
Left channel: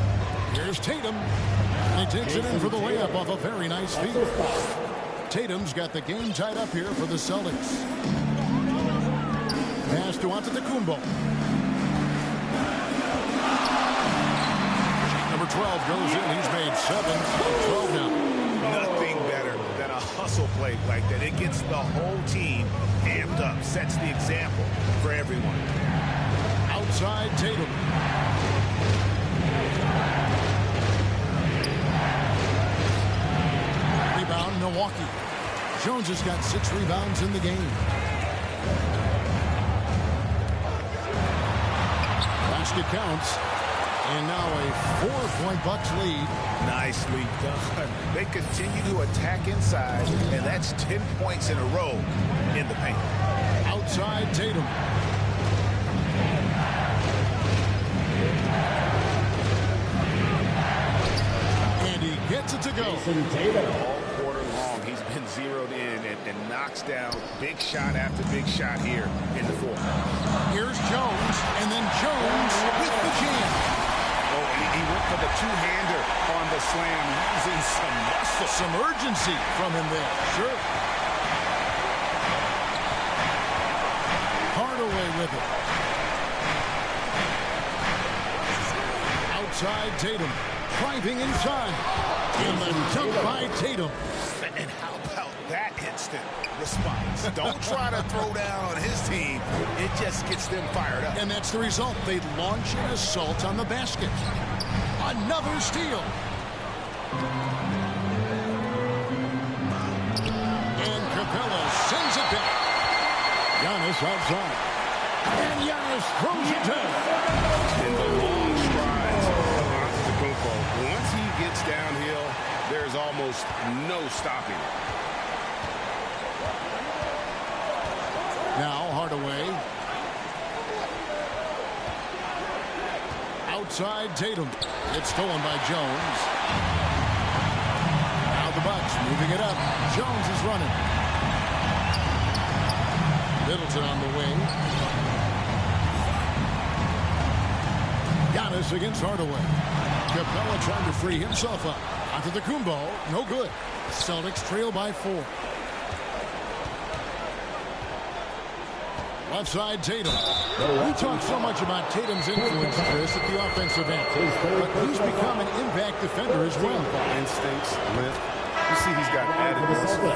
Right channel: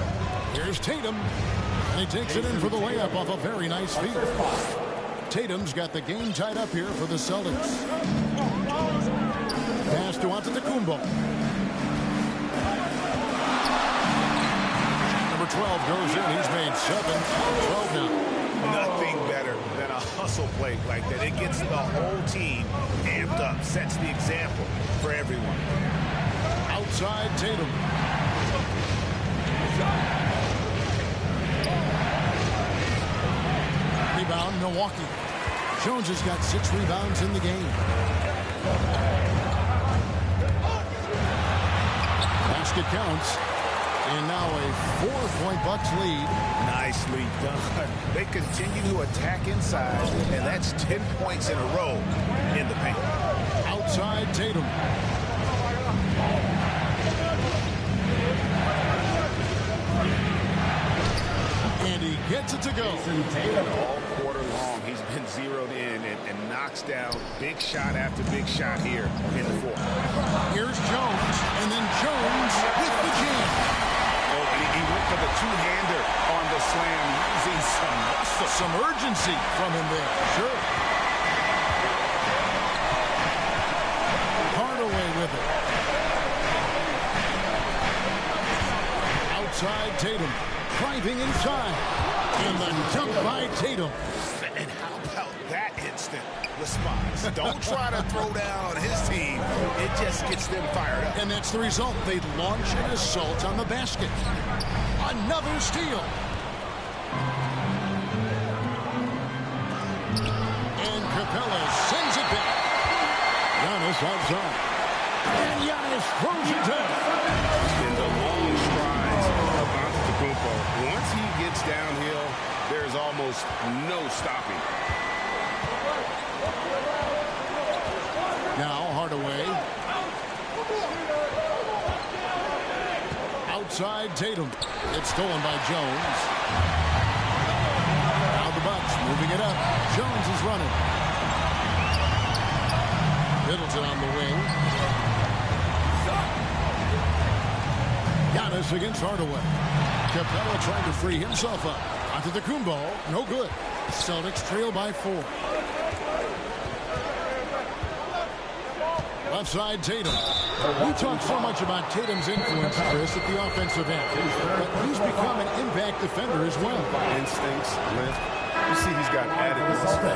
Here's Tatum. And he takes it in for the layup off a very nice feed. Tatum's got the game tied up here for the Celtics. Pass to Antetokounmpo. Shot number 12 goes in. He's made 7 out of 12 now. Nothing better than a hustle play like that. It gets the whole team amped up, sets the example for everyone. Outside Tatum. Rebound Milwaukee. Jones has got 6 rebounds in the game. Basket counts. And now a 4-point Bucks lead. Nicely done. They continue to attack inside, and that's 10 points in a row in the paint. Outside Tatum. And he gets it to go. All quarter long, he's been zeroed in and knocks down big shot after big shot here in the fourth. Here's Jones, and then Jones with the jam. Oh, he went for the two-hander on the slam, using some muscle. Some urgency from him there, sure. Hardaway with it. Outside Tatum. Driving inside. And the dunk by Tatum. And how about that instant response? Don't try to throw down on his team. It just gets them fired up. And that's the result. They launch an assault on the basket. Another steal. And Capella sends it back. Giannis outside. And Giannis throws it down. In the long strides of Antetokounmpo, once he gets downhill, there's almost no stopping. Now Hardaway. Outside Tatum. It's stolen by Jones. Now the Bucks moving it up. Jones is running. Middleton on the wing. Giannis against Hardaway. Capella trying to free himself up. Antetokounmpo, no good. Celtics trail by 4. Left side Tatum. We talk so much about Tatum's influence, Chris, at the offensive end. But he's become an impact defender as well. Instincts, length. You see he's got added muscle.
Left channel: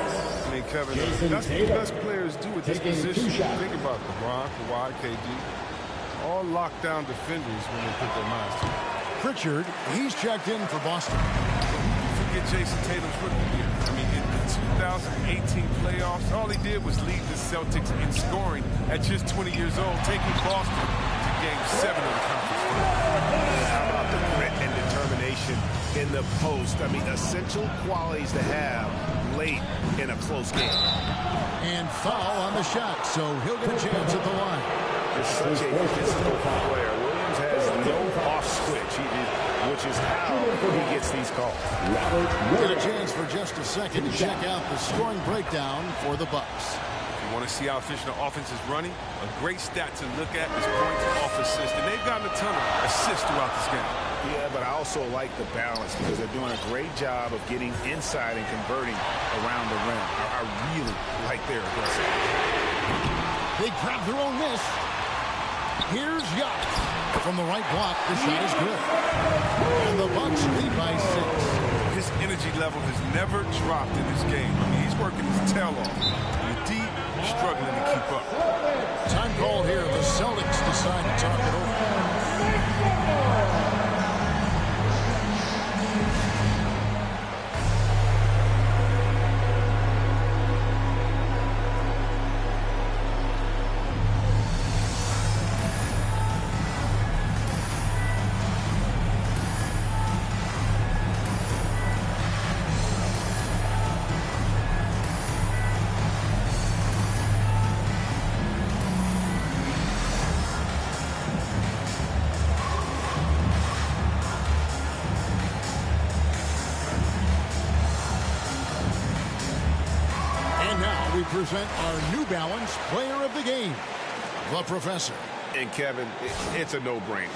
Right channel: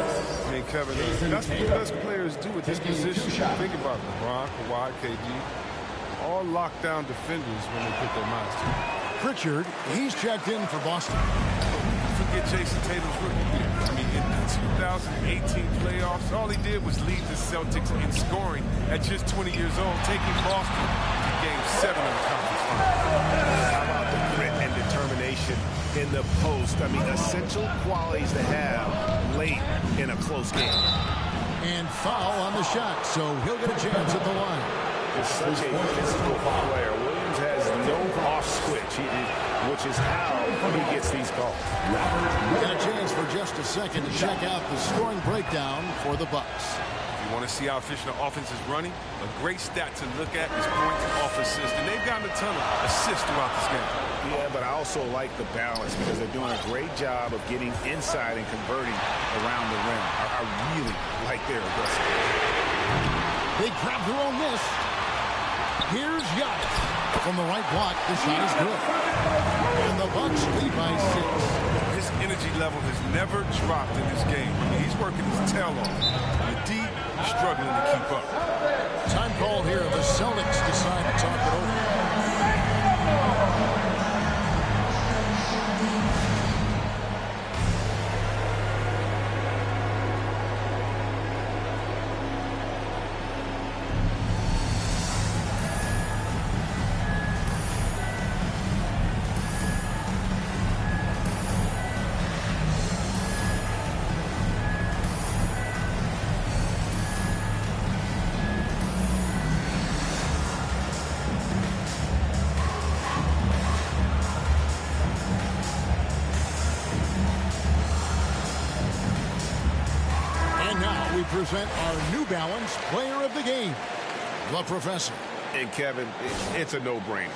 I mean, Kevin, that's what the best players do at this position. Think about LeBron, Kawhi, KD. All lockdown defenders when they put their minds to it. Pritchard, he's checked in for Boston. Who can forget Jason Tatum's rookie year? I mean, in the 2018 playoffs, all he did was lead the Celtics in scoring at just 20 years old, taking Boston to Game 7 of the conference final. How about the grit and determination in the post? I mean, essential qualities to have late in a close game. And foul on the shot, so he'll get a chance at the line. Is such a physical player. Williams has no off switch, which is how he gets these calls. Get a chance for just a second to check out the scoring breakdown for the Bucks. If you want to see how efficient the offense is running, a great stat to look at is points off assist. And they've gotten a ton of assists throughout this game. Yeah, but I also like the balance because they're doing a great job of getting inside and converting around the rim. I really like their aggressiveness. They grab their own miss. Here's Giannis. From the right block, the shot is good. And the Bucks lead by 6. His energy level has never dropped in this game. I mean, he's working his tail off. And the D struggling to keep up. Time call here. The Celtics decide to talk it over. And now we present our New Balance Player of the Game, the Professor. And Kevin, it's a no-brainer.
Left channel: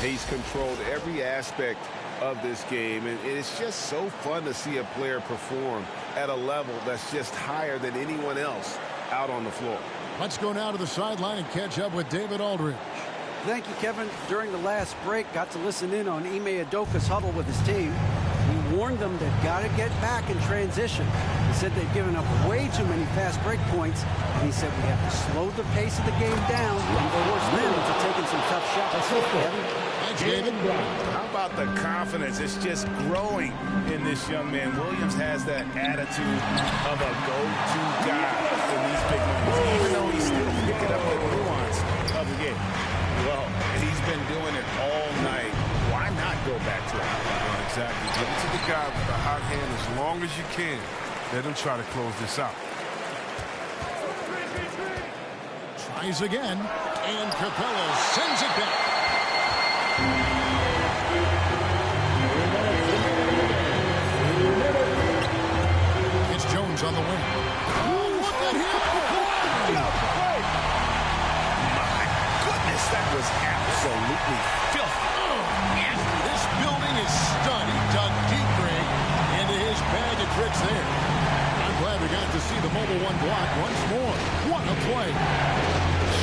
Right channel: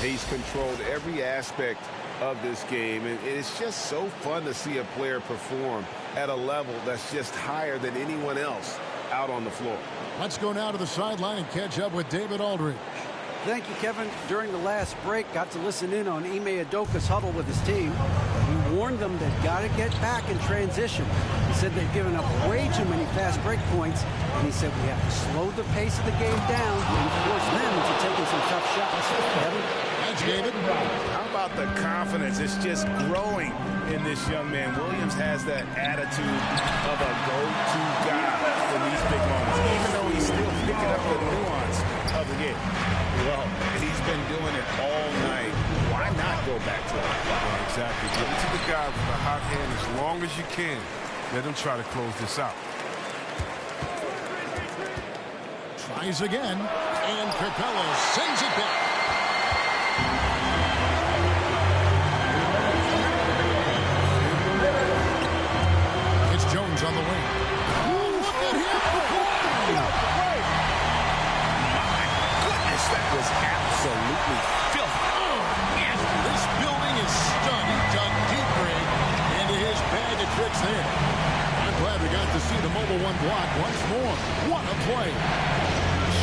He's controlled every aspect of this game, and it's just so fun to see a player perform at a level that's just higher than anyone else out on the floor. Let's go now to the sideline and catch up with David Aldridge. Thank you, Kevin. During the last break, got to listen in on Ime Udoka's huddle with his team. He warned them they've got to get back in transition. He said they've given up way too many fast break points, and he said we have to slow the pace of the game down and force them into taking some tough shots. Kevin? Thanks, David. How about the confidence? It's just growing in this young man. Williams has that attitude of a go-to guy in these big moments, even though he's still picking up the nuance of the game. Well, he's been doing it all night. Why not go back to it? Yeah, exactly. Give it to the guy with the hot hand as long as you can. Let him try to close this out. Tries again, and Capella sends it back. It's Jones on the wing. Oh, look at him fly! My goodness, that was absolutely filthy. Oh, nasty. This building is stunned. He dug deep, Greg, into his bag of tricks there. I'm glad we got to see the Mobile One block once more. What a play.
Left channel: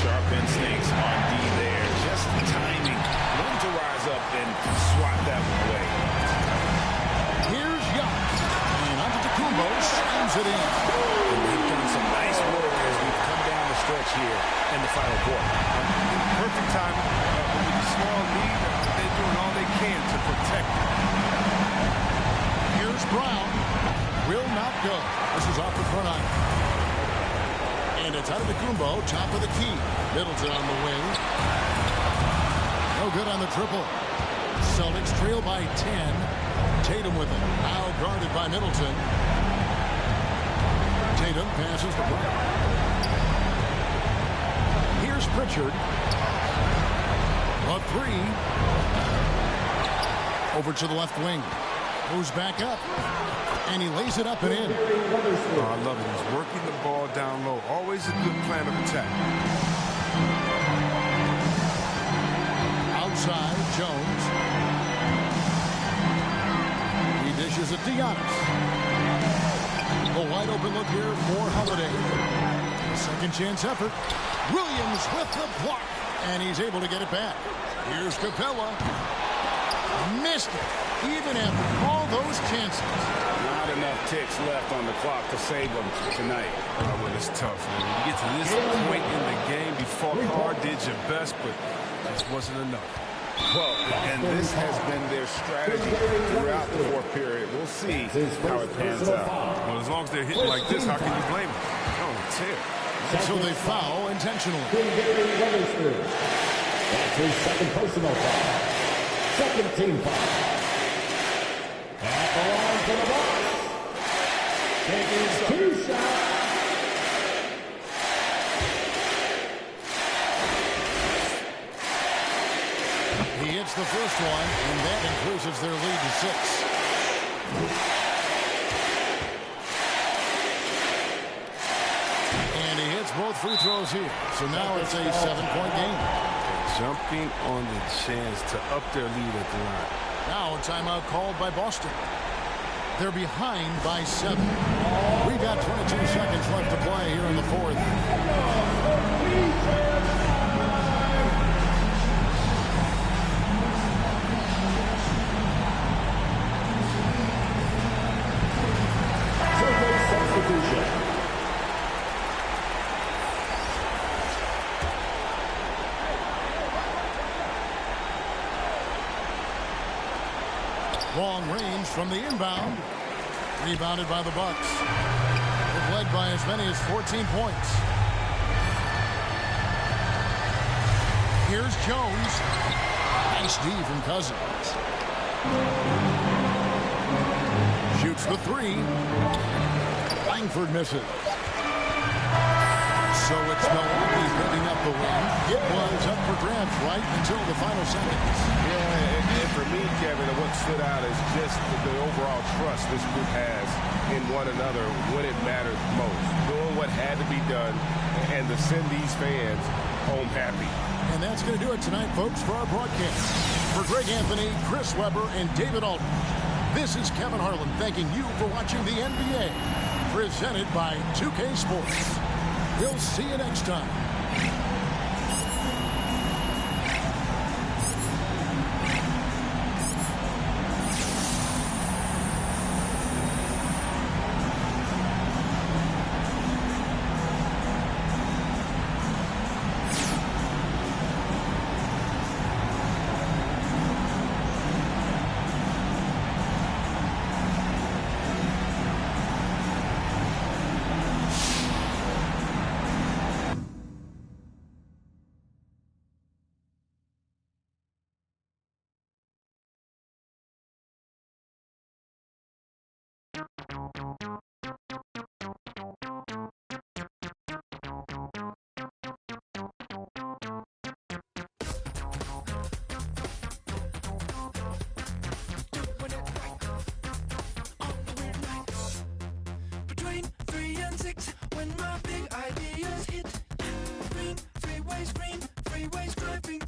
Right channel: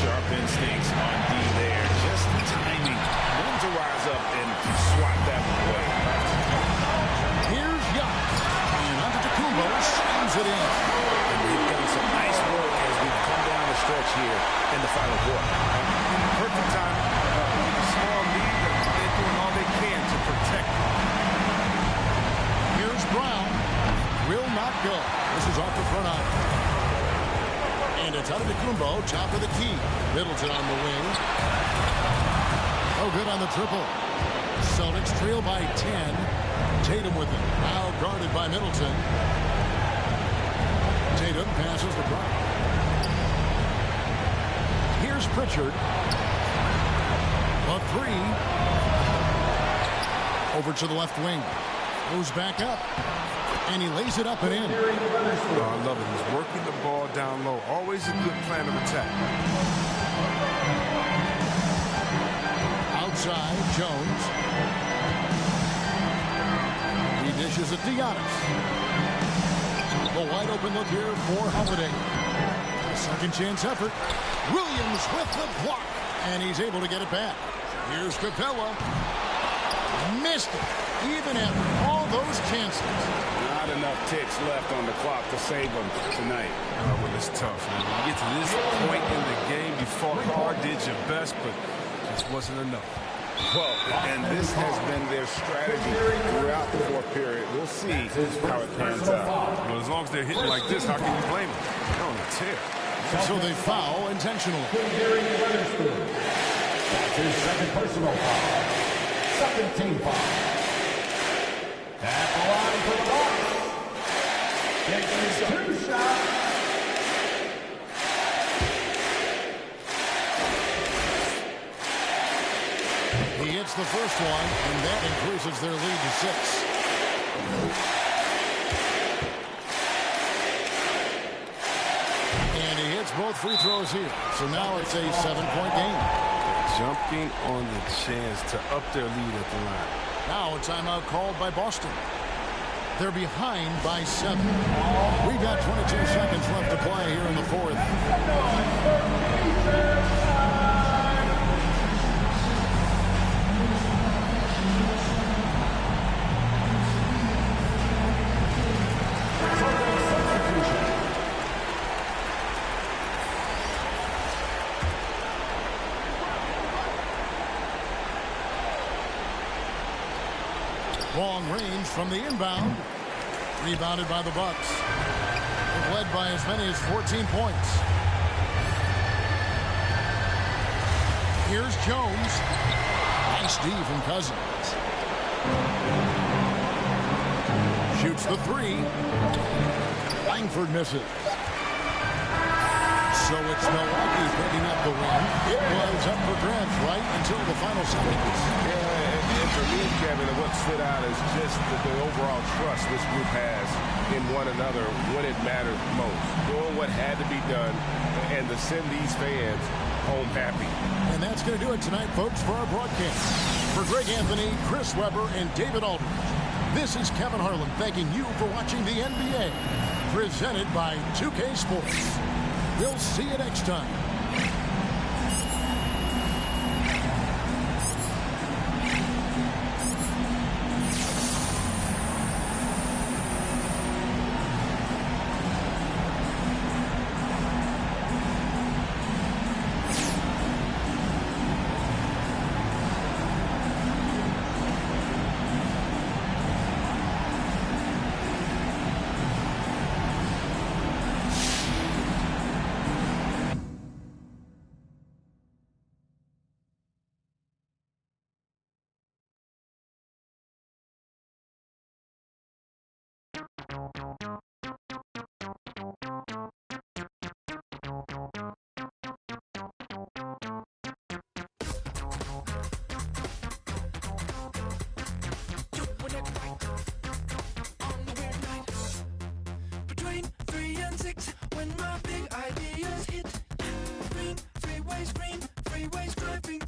Sharp Sharp instincts on D there. Just timing when to rise up and swat that one away. Here's Giannis. And onto Tacumbo, slams it in. And they've done some nice work as we've come down the stretch here in the final quarter. In perfect time with a small lead, they're doing all they can to protect it. Here's Brown. Will not go. This is off the front iron. And it's out of Tacumbo, top of the key. Middleton on the wing. No good on the triple. Celtics trail by 10. Tatum with it. Now guarded by Middleton. Tatum passes to Brown. Here's Pritchard. A three. Over to the left wing. Goes back up. And he lays it up and in. Oh, I love it. He's working the ball down low. Always a good plan of attack. Outside, Jones. He dishes it to Giannis. The wide open look here for Holiday. A second chance effort. Williams with the block. And he's able to get it back. Here's Capella. Missed it. Even after all those chances. Not enough ticks left on the clock to save them tonight. Oh, well, it's tough, man. When you get to this point in the game, you fought hard, did your best, but just wasn't enough. Well, and this has been their strategy throughout the fourth period. We'll see how it pans out. Well, as long as they're hitting like this, how can you blame them? They're on a tear. So they foul intentionally. That's his second personal foul. Second team foul. At the line for the box. Taking two shots. He hits the first one, and that increases their lead to 6. And he hits both free throws here. So now it's a 7-point game. They're jumping on the chance to up their lead at the line. Now a timeout called by Boston. They're behind by 7. We've got 22 seconds left to play here in the fourth. Substitution. Long range from the inbound. Rebounded by the Bucks. They've led by as many as 14 points. Here's Jones. Nice D from Cousins. Shoots the three. Langford misses. So it's Milwaukee picking up the win. It was up for grabs right until the final seconds. Yeah, and for me, Kevin, what stood out is just the overall trust this group has in one another when it mattered most. Doing what had to be done and to send these fans home happy. And that's going to do it tonight, folks, for our broadcast. For Greg Anthony, Chris Webber, and David Aldridge, this is Kevin Harlan thanking you for watching the NBA, presented by 2K Sports. We'll see you next time. Between 3 and 6, when my big ideas hit. Green, freeways, green, freeways driving.